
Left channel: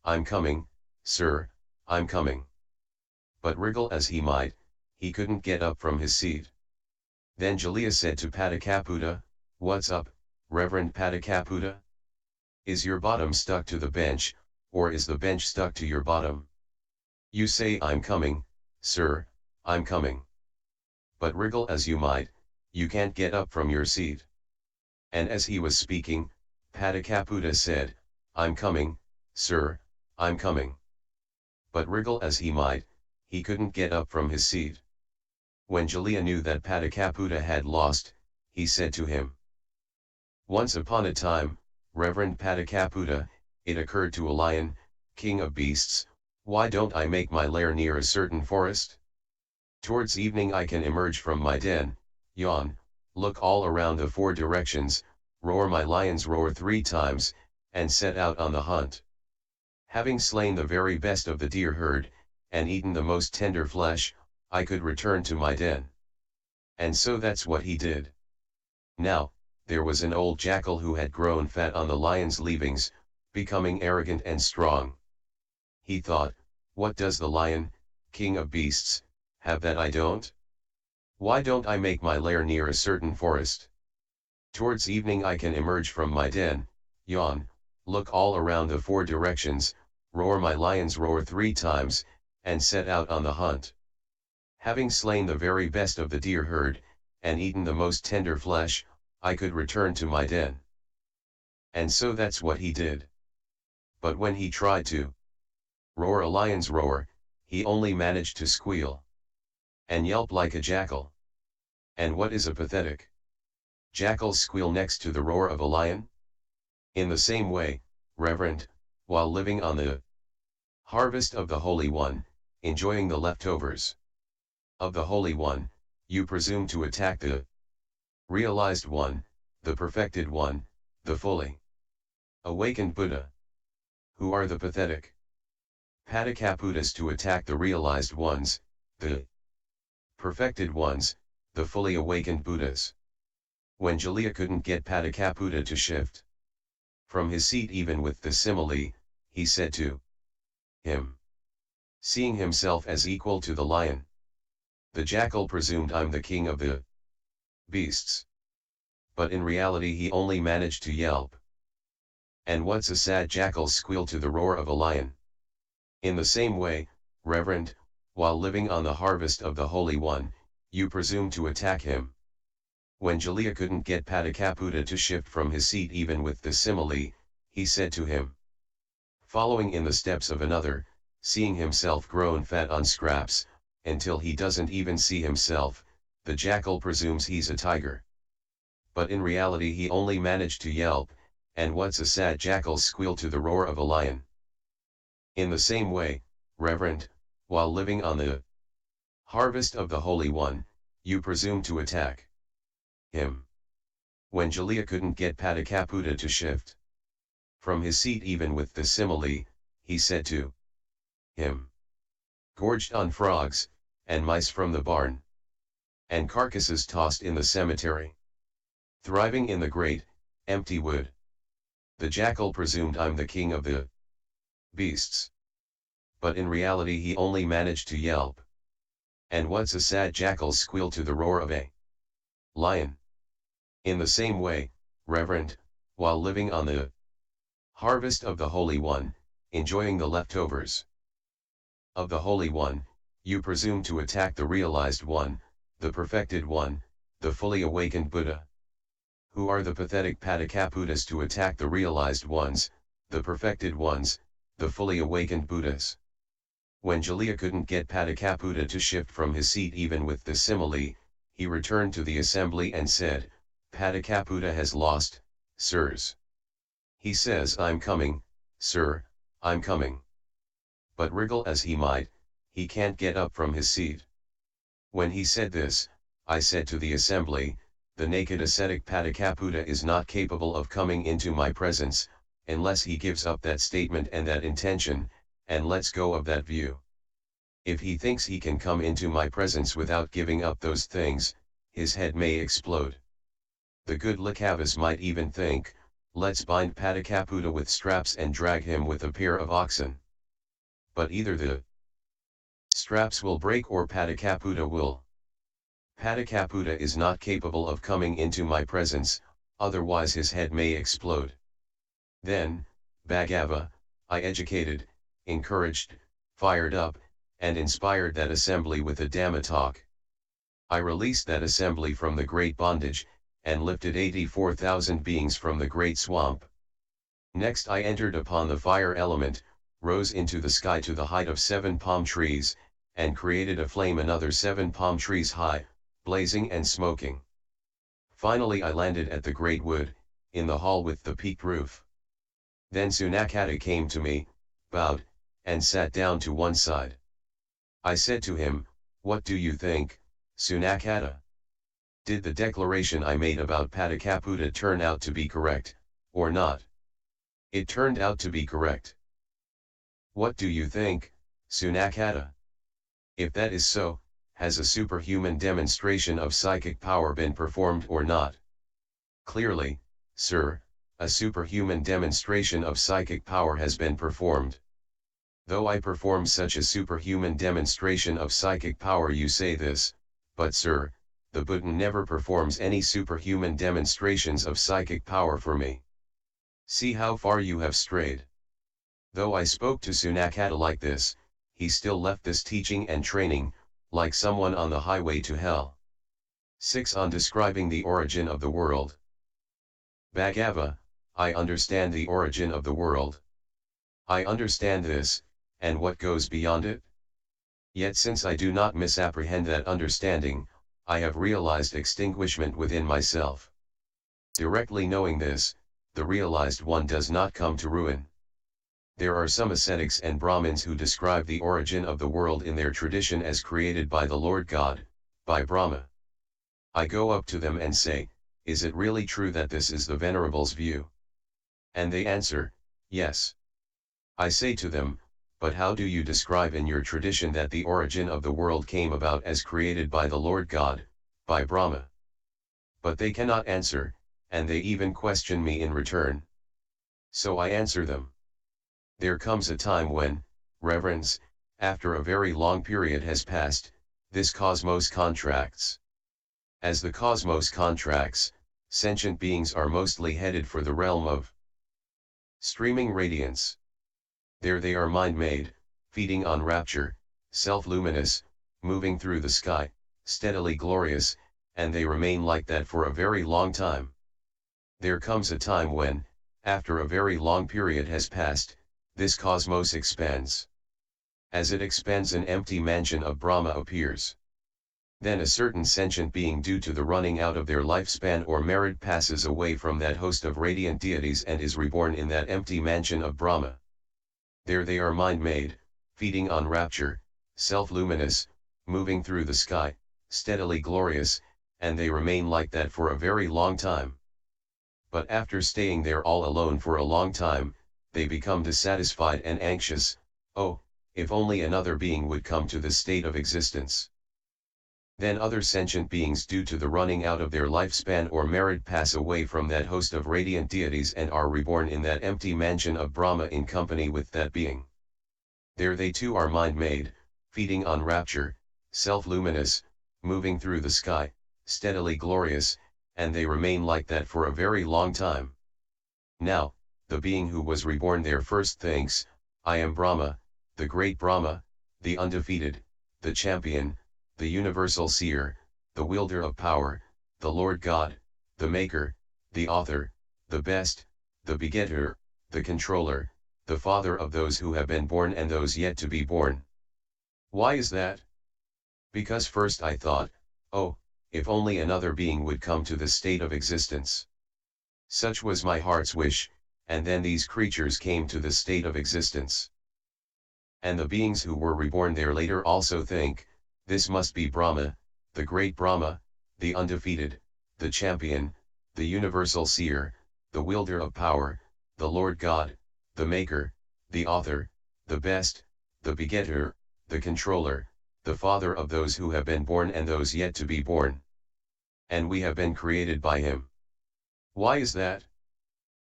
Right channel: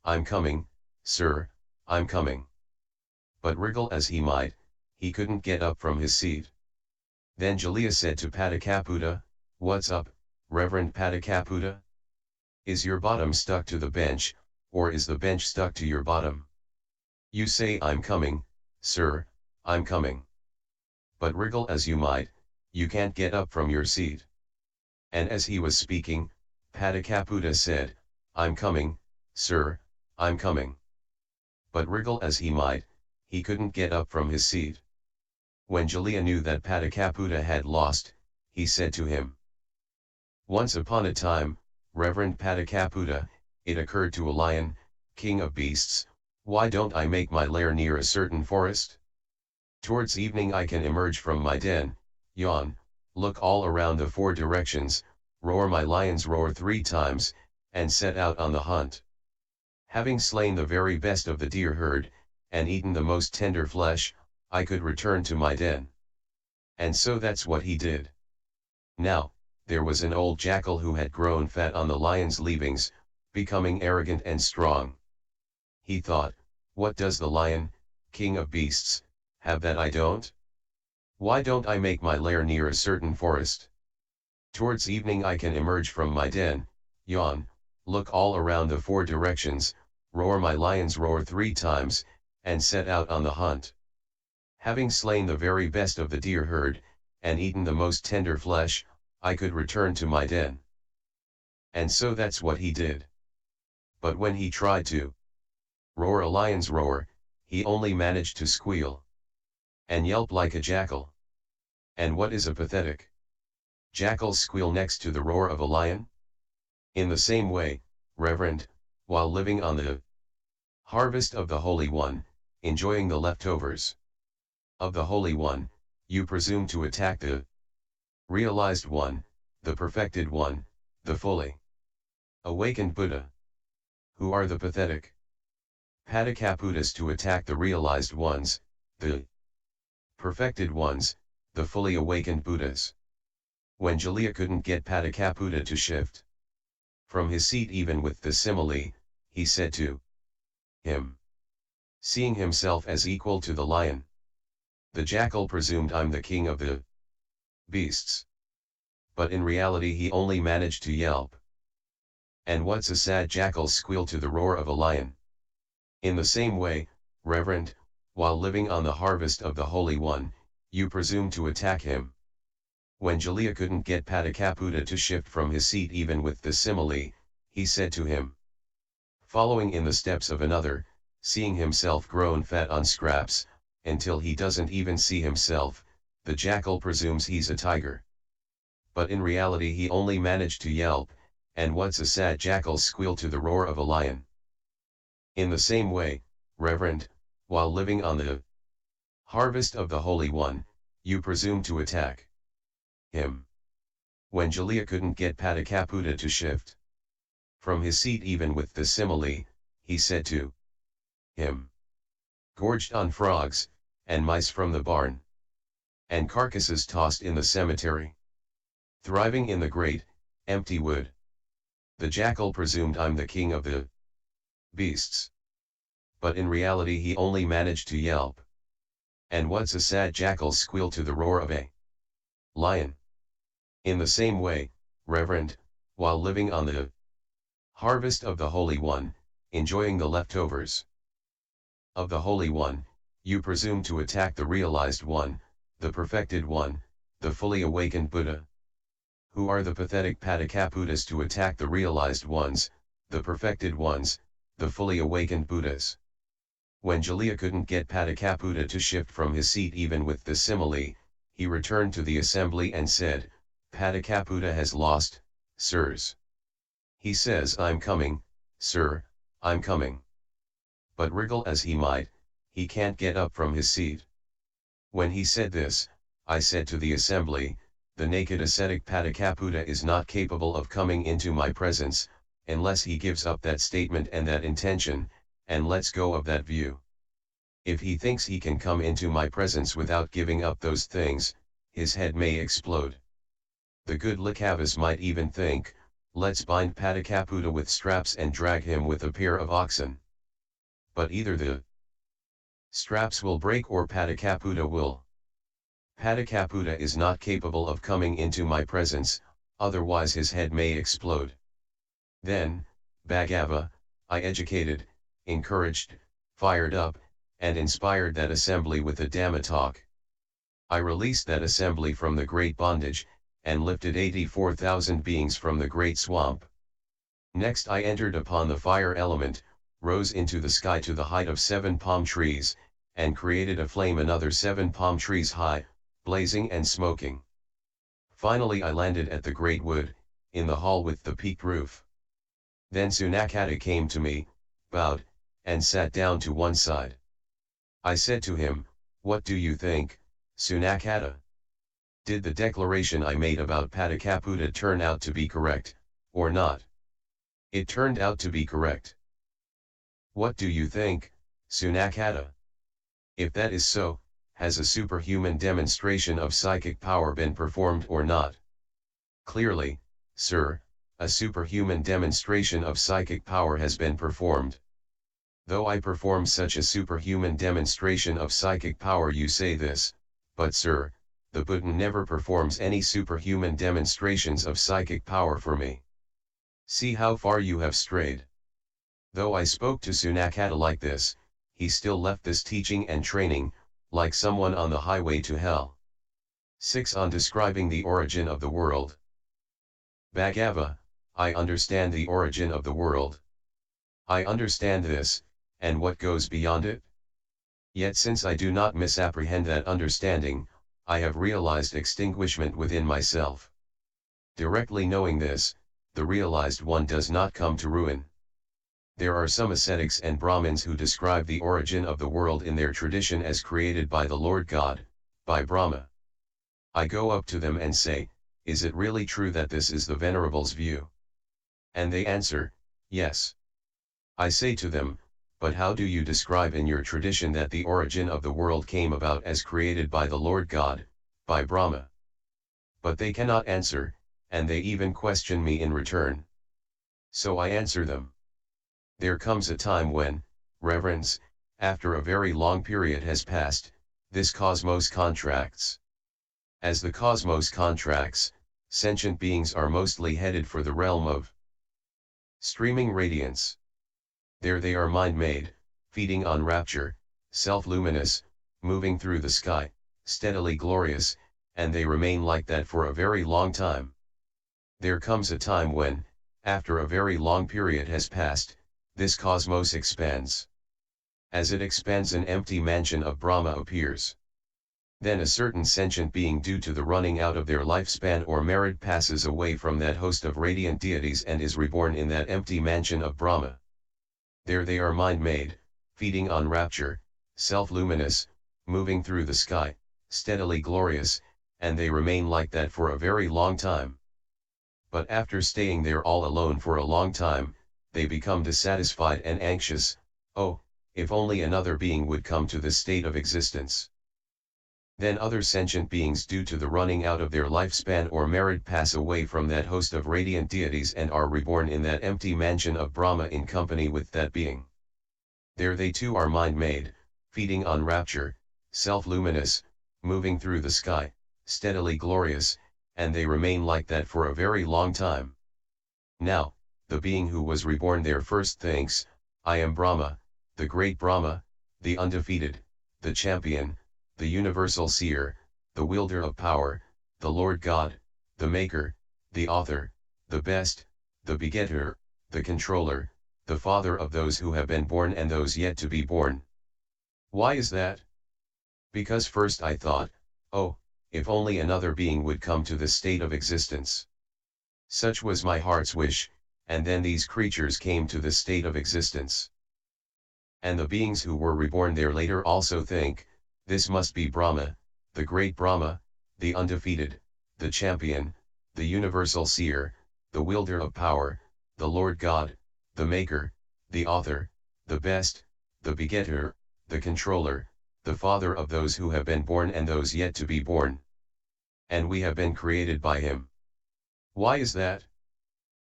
I'm coming, sir, I'm coming. But wriggle as he might, he couldn't get up from his seat. Then Jalija said to Pāṭika, "What's up, Reverend Pāṭika? Is your bottom stuck to the bench, or is the bench stuck to your bottom? You say I'm coming, sir, I'm coming. But wriggle as you might, you can't get up from your seat." And as he was speaking, Pāṭika said, "I'm coming, sir, I'm coming." But wriggle as he might, he couldn't get up from his seat. When Jalija knew that Pāṭika had lost, he said to him, "Once upon a time, Reverend Pāṭika, it occurred to a lion, king of beasts, why don't I make my lair near a certain forest? Towards evening I can emerge from my den, yawn, look all around the four directions, roar my lion's roar 3 times, and set out on the hunt. Having slain the very best of the deer herd, and eaten the most tender flesh, I could return to my den." And so that's what he did. Now, there was an old jackal who had grown fat on the lion's leavings, becoming arrogant and strong. He thought, "What does the lion, king of beasts, have that I don't? Why don't I make my lair near a certain forest? Towards evening I can emerge from my den, yawn, look all around the 4 directions, roar my lion's roar 3 times, and set out on the hunt. Having slain the very best of the deer herd, and eaten the most tender flesh, I could return to my den." And so that's what he did. But when he tried to roar a lion's roar, he only managed to squeal and yelp like a jackal. And what is a pathetic jackal squeal next to the roar of a lion? In the same way, Reverend, while living on the harvest of the Holy One, enjoying the leftovers of the Holy One, you presume to attack the realized one, the perfected one, the fully awakened Buddha. Who are the pathetic Pāṭika to attack the realized ones, the perfected ones, the fully awakened Buddhas? When Jalija couldn't get Pāṭika to shift from his seat even with the simile, he said to him, seeing himself as equal to the lion, "The jackal presumed I'm the king of the beasts. But in reality he only managed to yelp. And what's a sad jackal's squeal to the roar of a lion?" In the same way, Reverend, while living on the harvest of the Holy One, you presume to attack him. When Jalija couldn't get Pāṭika to shift from his seat even with the simile, he said to him, following in the steps of another, seeing himself grown fat on scraps, until he doesn't even see himself, the jackal presumes he's a tiger. But in reality he only managed to yelp, and what's a sad jackal's squeal to the roar of a lion? In the same way, Reverend, while living on the harvest of the Holy One, you presume to attack him. When Jalija couldn't get Pāṭika to shift from his seat even with the simile, he said to him, gorged on frogs, and mice from the barn, and carcasses tossed in the cemetery, thriving in the great, empty wood, the jackal presumed I'm the king of the beasts. But in reality he only managed to yelp. And what's a sad jackal's squeal to the roar of a lion? In the same way, Reverend, while living on the harvest of the Holy One, enjoying the leftovers of the Holy One, you presume to attack the realized one, the perfected one, the fully awakened Buddha. Who are the pathetic Pāṭika to attack the realized ones, the perfected ones, the fully awakened Buddhas? When Jalija couldn't get Pāṭika to shift from his seat even with the simile, he returned to the assembly and said, Pāṭika has lost, sirs. He says I'm coming, sir, I'm coming. But wriggle as he might, he can't get up from his seat. When he said this, I said to the assembly, the naked ascetic Pāṭika is not capable of coming into my presence, unless he gives up that statement and that intention, and lets go of that view. If he thinks he can come into my presence without giving up those things, his head may explode. The good Likavas might even think, let's bind Pāṭika with straps and drag him with a pair of oxen. But either the straps will break or Pāṭika will. Pāṭika is not capable of coming into my presence, otherwise his head may explode. Then, Bhagava, I educated, encouraged, fired up, and inspired that assembly with a Dhamma talk. I released that assembly from the great bondage, and lifted 84,000 beings from the great swamp. Next I entered upon the fire element, rose into the sky to the height of 7 palm trees, and created a flame another 7 palm trees high, blazing and smoking. Finally I landed at the great wood, in the hall with the peaked roof. Then Sunakkata came to me, bowed, and sat down to one side. I said to him, "What do you think, Sunakkata? Did the declaration I made about Pāṭika turn out to be correct, or not?" It turned out to be correct. What do you think, Sunakkata? If that is so, has a superhuman demonstration of psychic power been performed or not? Clearly, sir, a superhuman demonstration of psychic power has been performed. Though I perform such a superhuman demonstration of psychic power, you say this, but sir, the Buddha never performs any superhuman demonstrations of psychic power for me. See how far you have strayed. Though I spoke to Sunakkata like this, he still left this teaching and training, like someone on the highway to hell. 6. On describing the origin of the world. Bhagava, I understand the origin of the world. I understand this, and what goes beyond it. Yet since I do not misapprehend that understanding, I have realized extinguishment within myself. Directly knowing this, the realized one does not come to ruin. There are some ascetics and Brahmins who describe the origin of the world in their tradition as created by the Lord God, by Brahma. I go up to them and say, "Is it really true that this is the Venerable's view?" And they answer, "Yes." I say to them, "But how do you describe in your tradition that the origin of the world came about as created by the Lord God, by Brahma?" But they cannot answer, and they even question me in return. So I answer them. There comes a time when, reverence, after a very long period has passed, this cosmos contracts. As the cosmos contracts, sentient beings are mostly headed for the realm of streaming radiance. There they are mind-made, feeding on rapture, self-luminous, moving through the sky, steadily glorious, and they remain like that for a very long time. There comes a time when, after a very long period has passed, this cosmos expands. As it expands, an empty mansion of Brahma appears. Then a certain sentient being, due to the running out of their lifespan or merit, passes away from that host of radiant deities and is reborn in that empty mansion of Brahma. There they are mind-made, feeding on rapture, self-luminous, moving through the sky, steadily glorious, and they remain like that for a very long time. But after staying there all alone for a long time, they become dissatisfied and anxious. "Oh, if only another being would come to this state of existence." Then other sentient beings, due to the running out of their lifespan or merit, pass away from that host of radiant deities and are reborn in that empty mansion of Brahma in company with that being. There they too are mind-made, feeding on rapture, self-luminous, moving through the sky, steadily glorious, and they remain like that for a very long time. Now, the being who was reborn there first thinks, "I am Brahma, the great Brahma, the undefeated, the champion, the universal seer, the wielder of power, the Lord God, the maker, the author, the best, the begetter, the controller, the father of those who have been born and those yet to be born." Why is that? Because first I thought, "Oh, if only another being would come to this state of existence." Such was my heart's wish, and then these creatures came to this state of existence. And the beings who were reborn there later also think, "This must be Brahma, the great Brahma, the undefeated, the champion, the universal seer, the wielder of power, the Lord God, the maker, the author, the best, the begetter, the controller, the father of those who have been born and those yet to be born. And we have been created by him." Why is that?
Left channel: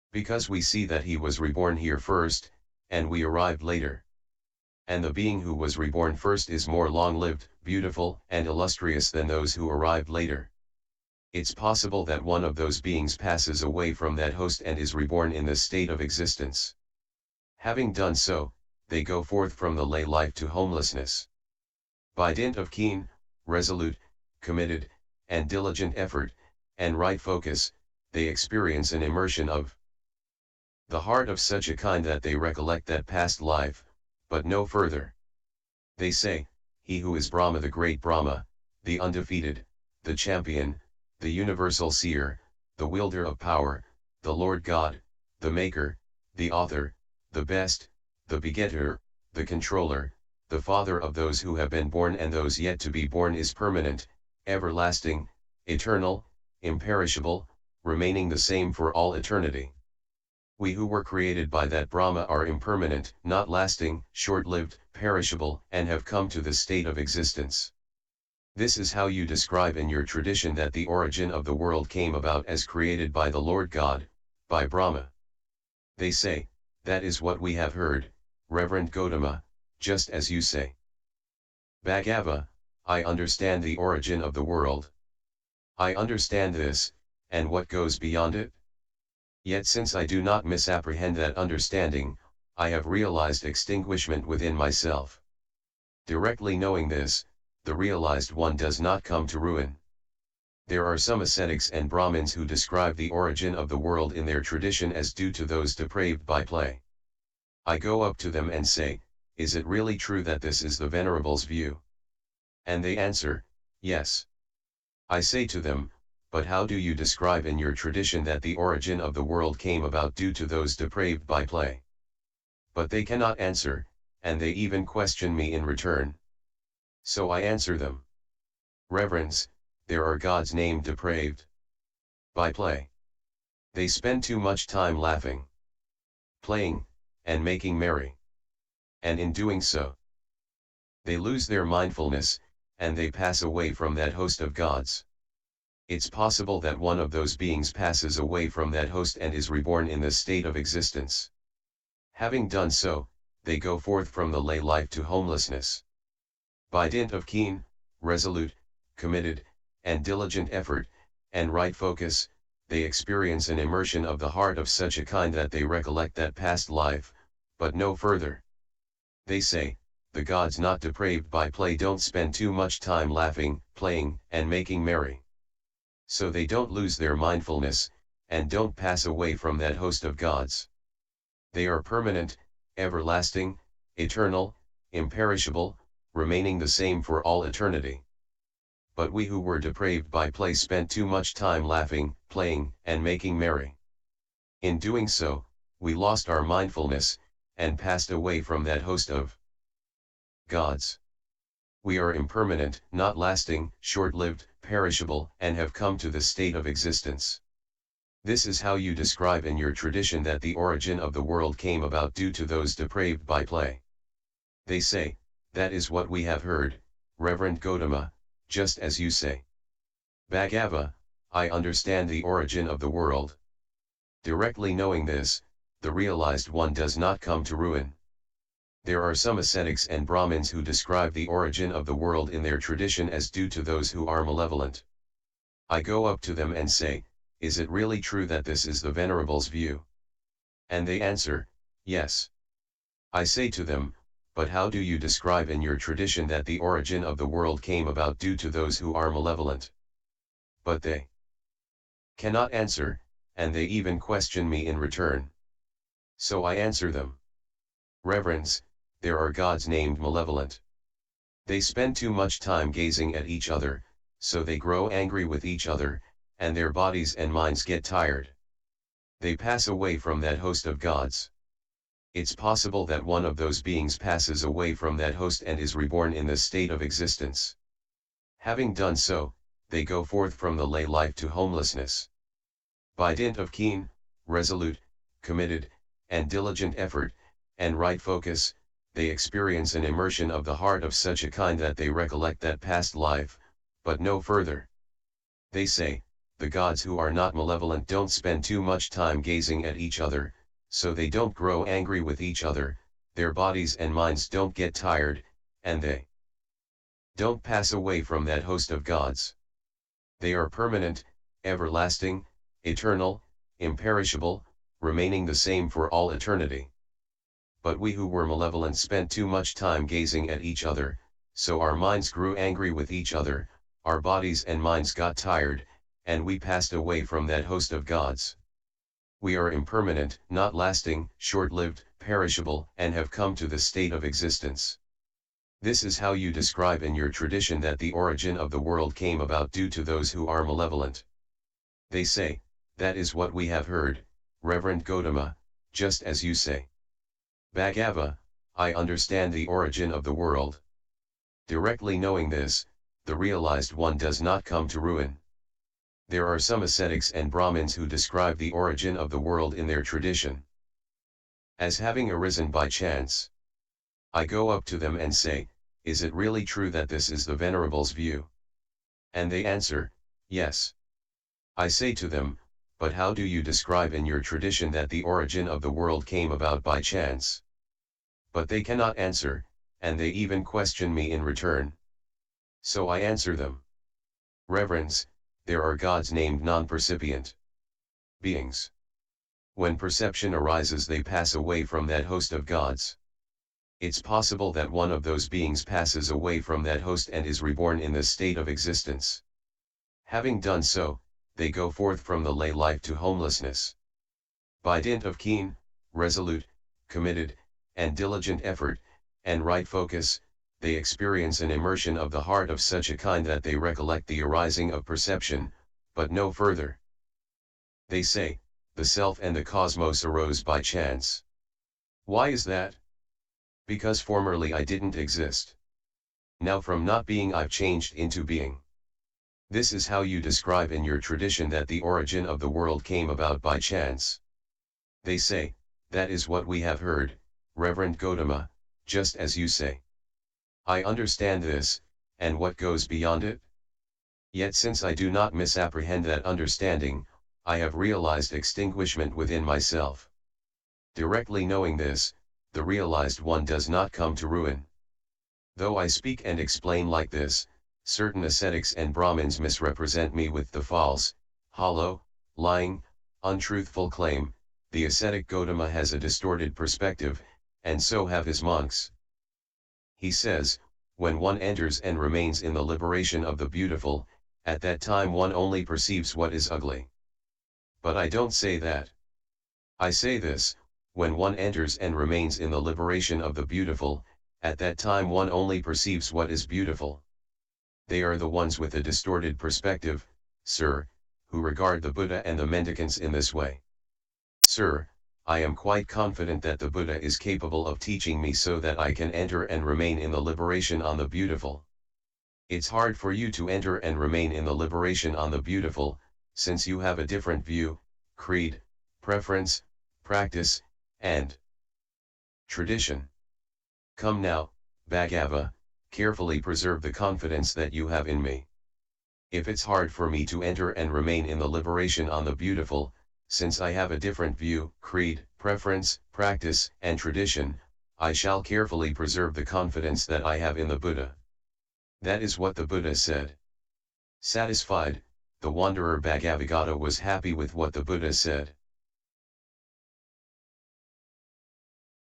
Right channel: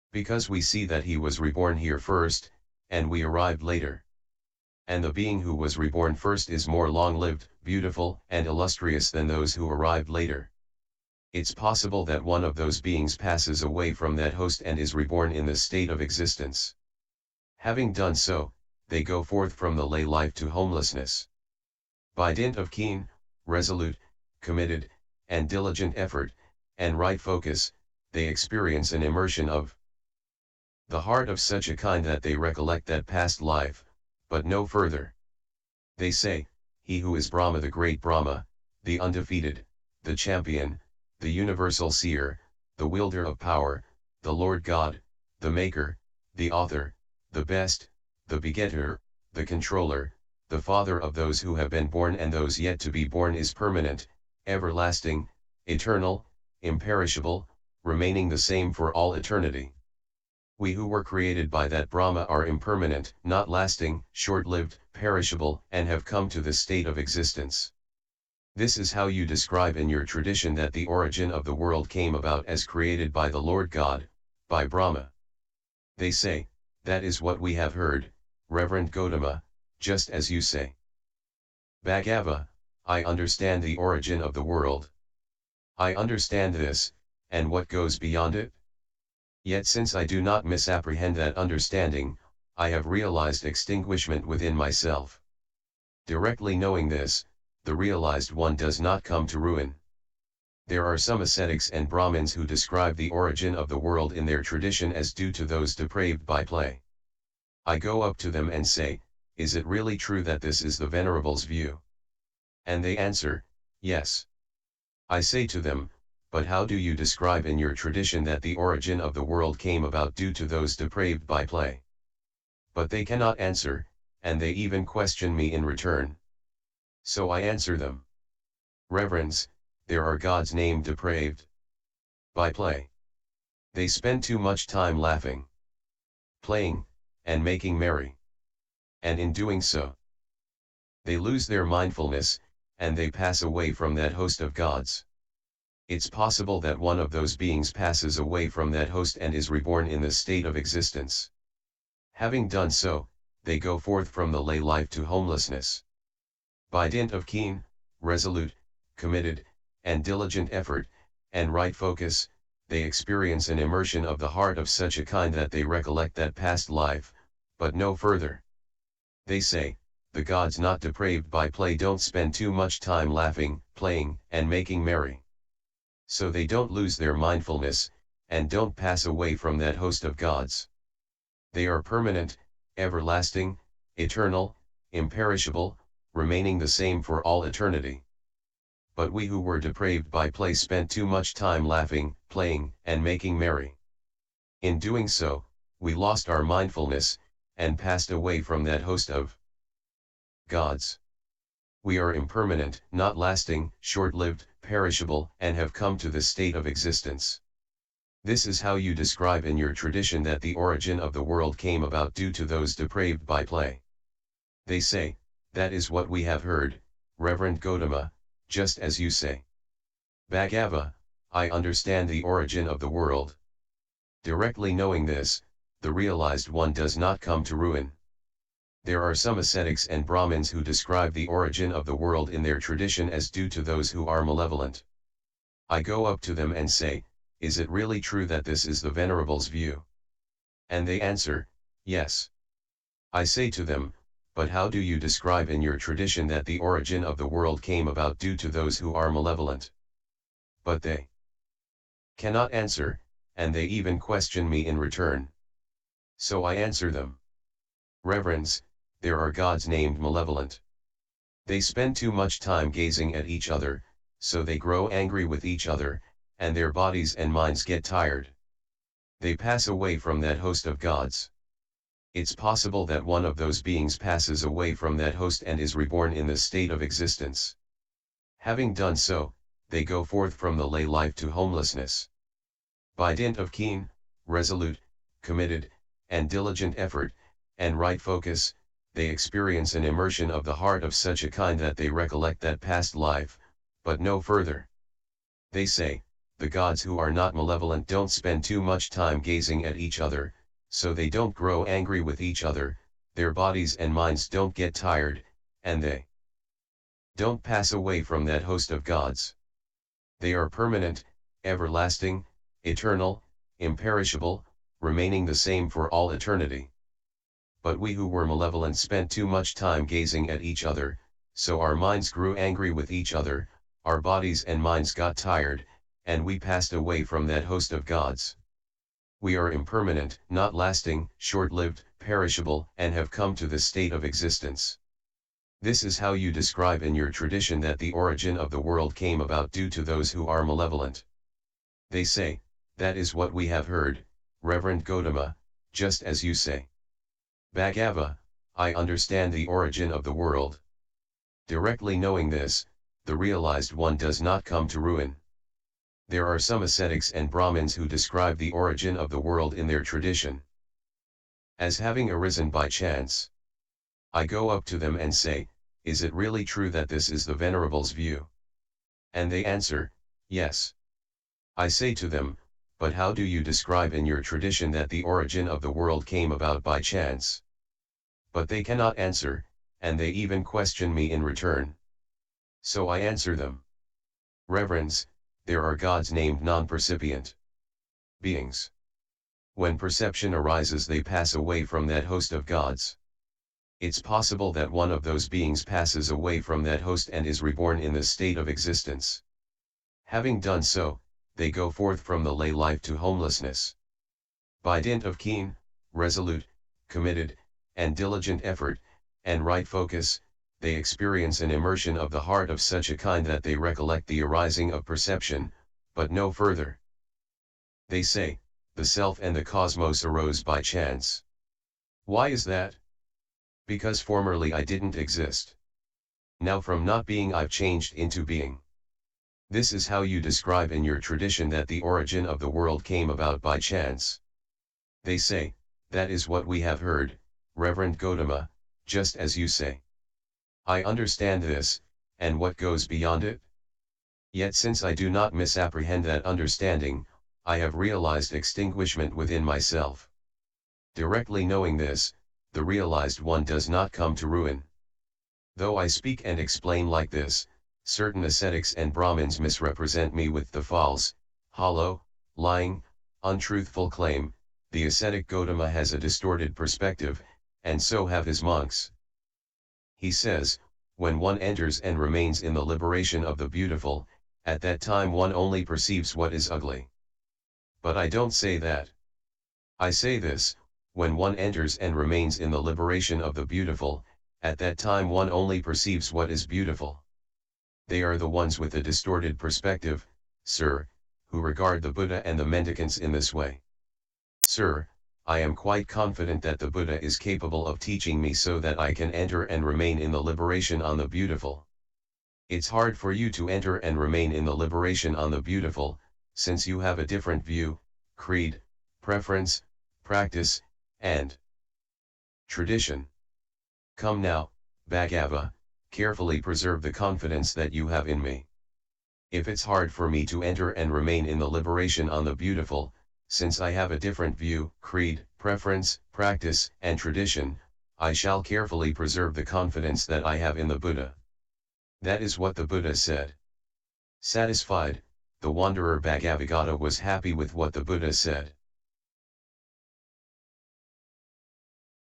Because we see that he was reborn here first, and we arrived later. And the being who was reborn first is more long-lived, beautiful, and illustrious than those who arrived later. It's possible that one of those beings passes away from that host and is reborn in the state of existence. Having done so, they go forth from the lay life to homelessness. By dint of keen, resolute, committed, and diligent effort, and right focus, they experience an immersion of the heart of such a kind that they recollect that past life, but no further. They say, he who is Brahma, the great Brahma, the undefeated, the champion, the universal seer, the wielder of power, the Lord God, the maker, the author, the best, the begetter, the controller, the father of those who have been born and those yet to be born, is permanent, everlasting, eternal, imperishable, remaining the same for all eternity. We who were created by that Brahma are impermanent, not lasting, short-lived, perishable, and have come to the state of existence. This is how you describe in your tradition that the origin of the world came about as created by the Lord God, by Brahma. They say, that is what we have heard, Reverend Gautama, just as you say. Bhagava, I understand the origin of the world. I understand this, and what goes beyond it? Yet since I do not misapprehend that understanding, I have realized extinguishment within myself. Directly knowing this, the realized one does not come to ruin. There are some ascetics and Brahmins who describe the origin of the world in their tradition as due to those depraved by play. I go up to them and say, is it really true that this is the Venerable's view? And they answer, yes. I say to them, but how do you describe in your tradition that the origin of the world came about due to those depraved by play? But they cannot answer, and they even question me in return. So I answer them. Reverends, there are gods named depraved by play. They spend too much time laughing, playing, and making merry. And in doing so, they lose their mindfulness, and they pass away from that host of gods. It's possible that one of those beings passes away from that host and is reborn in the state of existence. Having done so, they go forth from the lay life to homelessness. By dint of keen, resolute, committed, and diligent effort, and right focus, they experience an immersion of the heart of such a kind that they recollect that past life, but no further. They say, the gods not depraved by play don't spend too much time laughing, playing, and making merry. So they don't lose their mindfulness, and don't pass away from that host of gods. They are permanent, everlasting, eternal, imperishable, remaining the same for all eternity. But we who were depraved by play spent too much time laughing, playing, and making merry. In doing so, we lost our mindfulness, and passed away from that host of gods. We are impermanent, not lasting, short-lived, perishable, and have come to the state of existence. This is how you describe in your tradition that the origin of the world came about due to those depraved by play. They say, that is what we have heard, Reverend Gautama, just as you say. Bhagava, I understand the origin of the world. Directly knowing this, the realized one does not come to ruin. There are some ascetics and Brahmins who describe the origin of the world in their tradition as due to those who are malevolent. I go up to them and say, is it really true that this is the Venerable's view? And they answer, yes. I say to them, but how do you describe in your tradition that the origin of the world came about due to those who are malevolent? But they cannot answer, and they even question me in return. So I answer them. Reverends, there are gods named malevolent. They spend too much time gazing at each other, so they grow angry with each other, and their bodies and minds get tired. They pass away from that host of gods. It's possible that one of those beings passes away from that host and is reborn in the state of existence. Having done so, they go forth from the lay life to homelessness. By dint of keen, resolute, committed, and diligent effort, and right focus, they experience an immersion of the heart of such a kind that they recollect that past life, but no further. They say, the gods who are not malevolent don't spend too much time gazing at each other, so they don't grow angry with each other, their bodies and minds don't get tired, and they don't pass away from that host of gods. They are permanent, everlasting, eternal, imperishable, remaining the same for all eternity. But we who were malevolent spent too much time gazing at each other, so our minds grew angry with each other, our bodies and minds got tired, and we passed away from that host of gods. We are impermanent, not lasting, short-lived, perishable, and have come to this state of existence. This is how you describe in your tradition that the origin of the world came about due to those who are malevolent. They say, that is what we have heard, Reverend Gautama, just as you say. Bhagava, I understand the origin of the world. Directly knowing this, the realized one does not come to ruin. There are some ascetics and Brahmins who describe the origin of the world in their tradition as having arisen by chance. I go up to them and say, is it really true that this is the Venerable's view? And they answer, yes. I say to them, but how do you describe in your tradition that the origin of the world came about by chance? But they cannot answer, and they even question me in return. So I answer them. Reverends, there are gods named non-percipient beings. When perception arises, they pass away from that host of gods. It's possible that one of those beings passes away from that host and is reborn in this state of existence. Having done so, they go forth from the lay life to homelessness. By dint of keen, resolute, committed, and diligent effort, and right focus, they experience an immersion of the heart of such a kind that they recollect the arising of perception, but no further. They say, the self and the cosmos arose by chance. Why is that? Because formerly I didn't exist. Now from not being I've changed into being. This is how you describe in your tradition that the origin of the world came about by chance. They say, that is what we have heard, Reverend Gautama, just as you say. I understand this, and what goes beyond it? Yet since I do not misapprehend that understanding, I have realized extinguishment within myself. Directly knowing this, the realized one does not come to ruin. Though I speak and explain like this, certain ascetics and Brahmins misrepresent me with the false, hollow, lying, untruthful claim, the ascetic Gautama has a distorted perspective, and so have his monks. He says, when one enters and remains in the liberation of the beautiful, at that time one only perceives what is ugly. But I don't say that. I say this, when one enters and remains in the liberation of the beautiful, at that time one only perceives what is beautiful. They are the ones with a distorted perspective, sir, who regard the Buddha and the mendicants in this way. Sir, I am quite confident that the Buddha is capable of teaching me so that I can enter and remain in the liberation on the beautiful. It's hard for you to enter and remain in the liberation on the beautiful, since you have a different view, creed, preference, practice, and tradition. Come now, Bhagava, carefully preserve the confidence that you have in me. If it's hard for me to enter and remain in the liberation on the beautiful, since I have a different view, creed, preference, practice, and tradition, I shall carefully preserve the confidence that I have in the Buddha. That is what the Buddha said. Satisfied, the wanderer Bhagavagata was happy with what the Buddha said.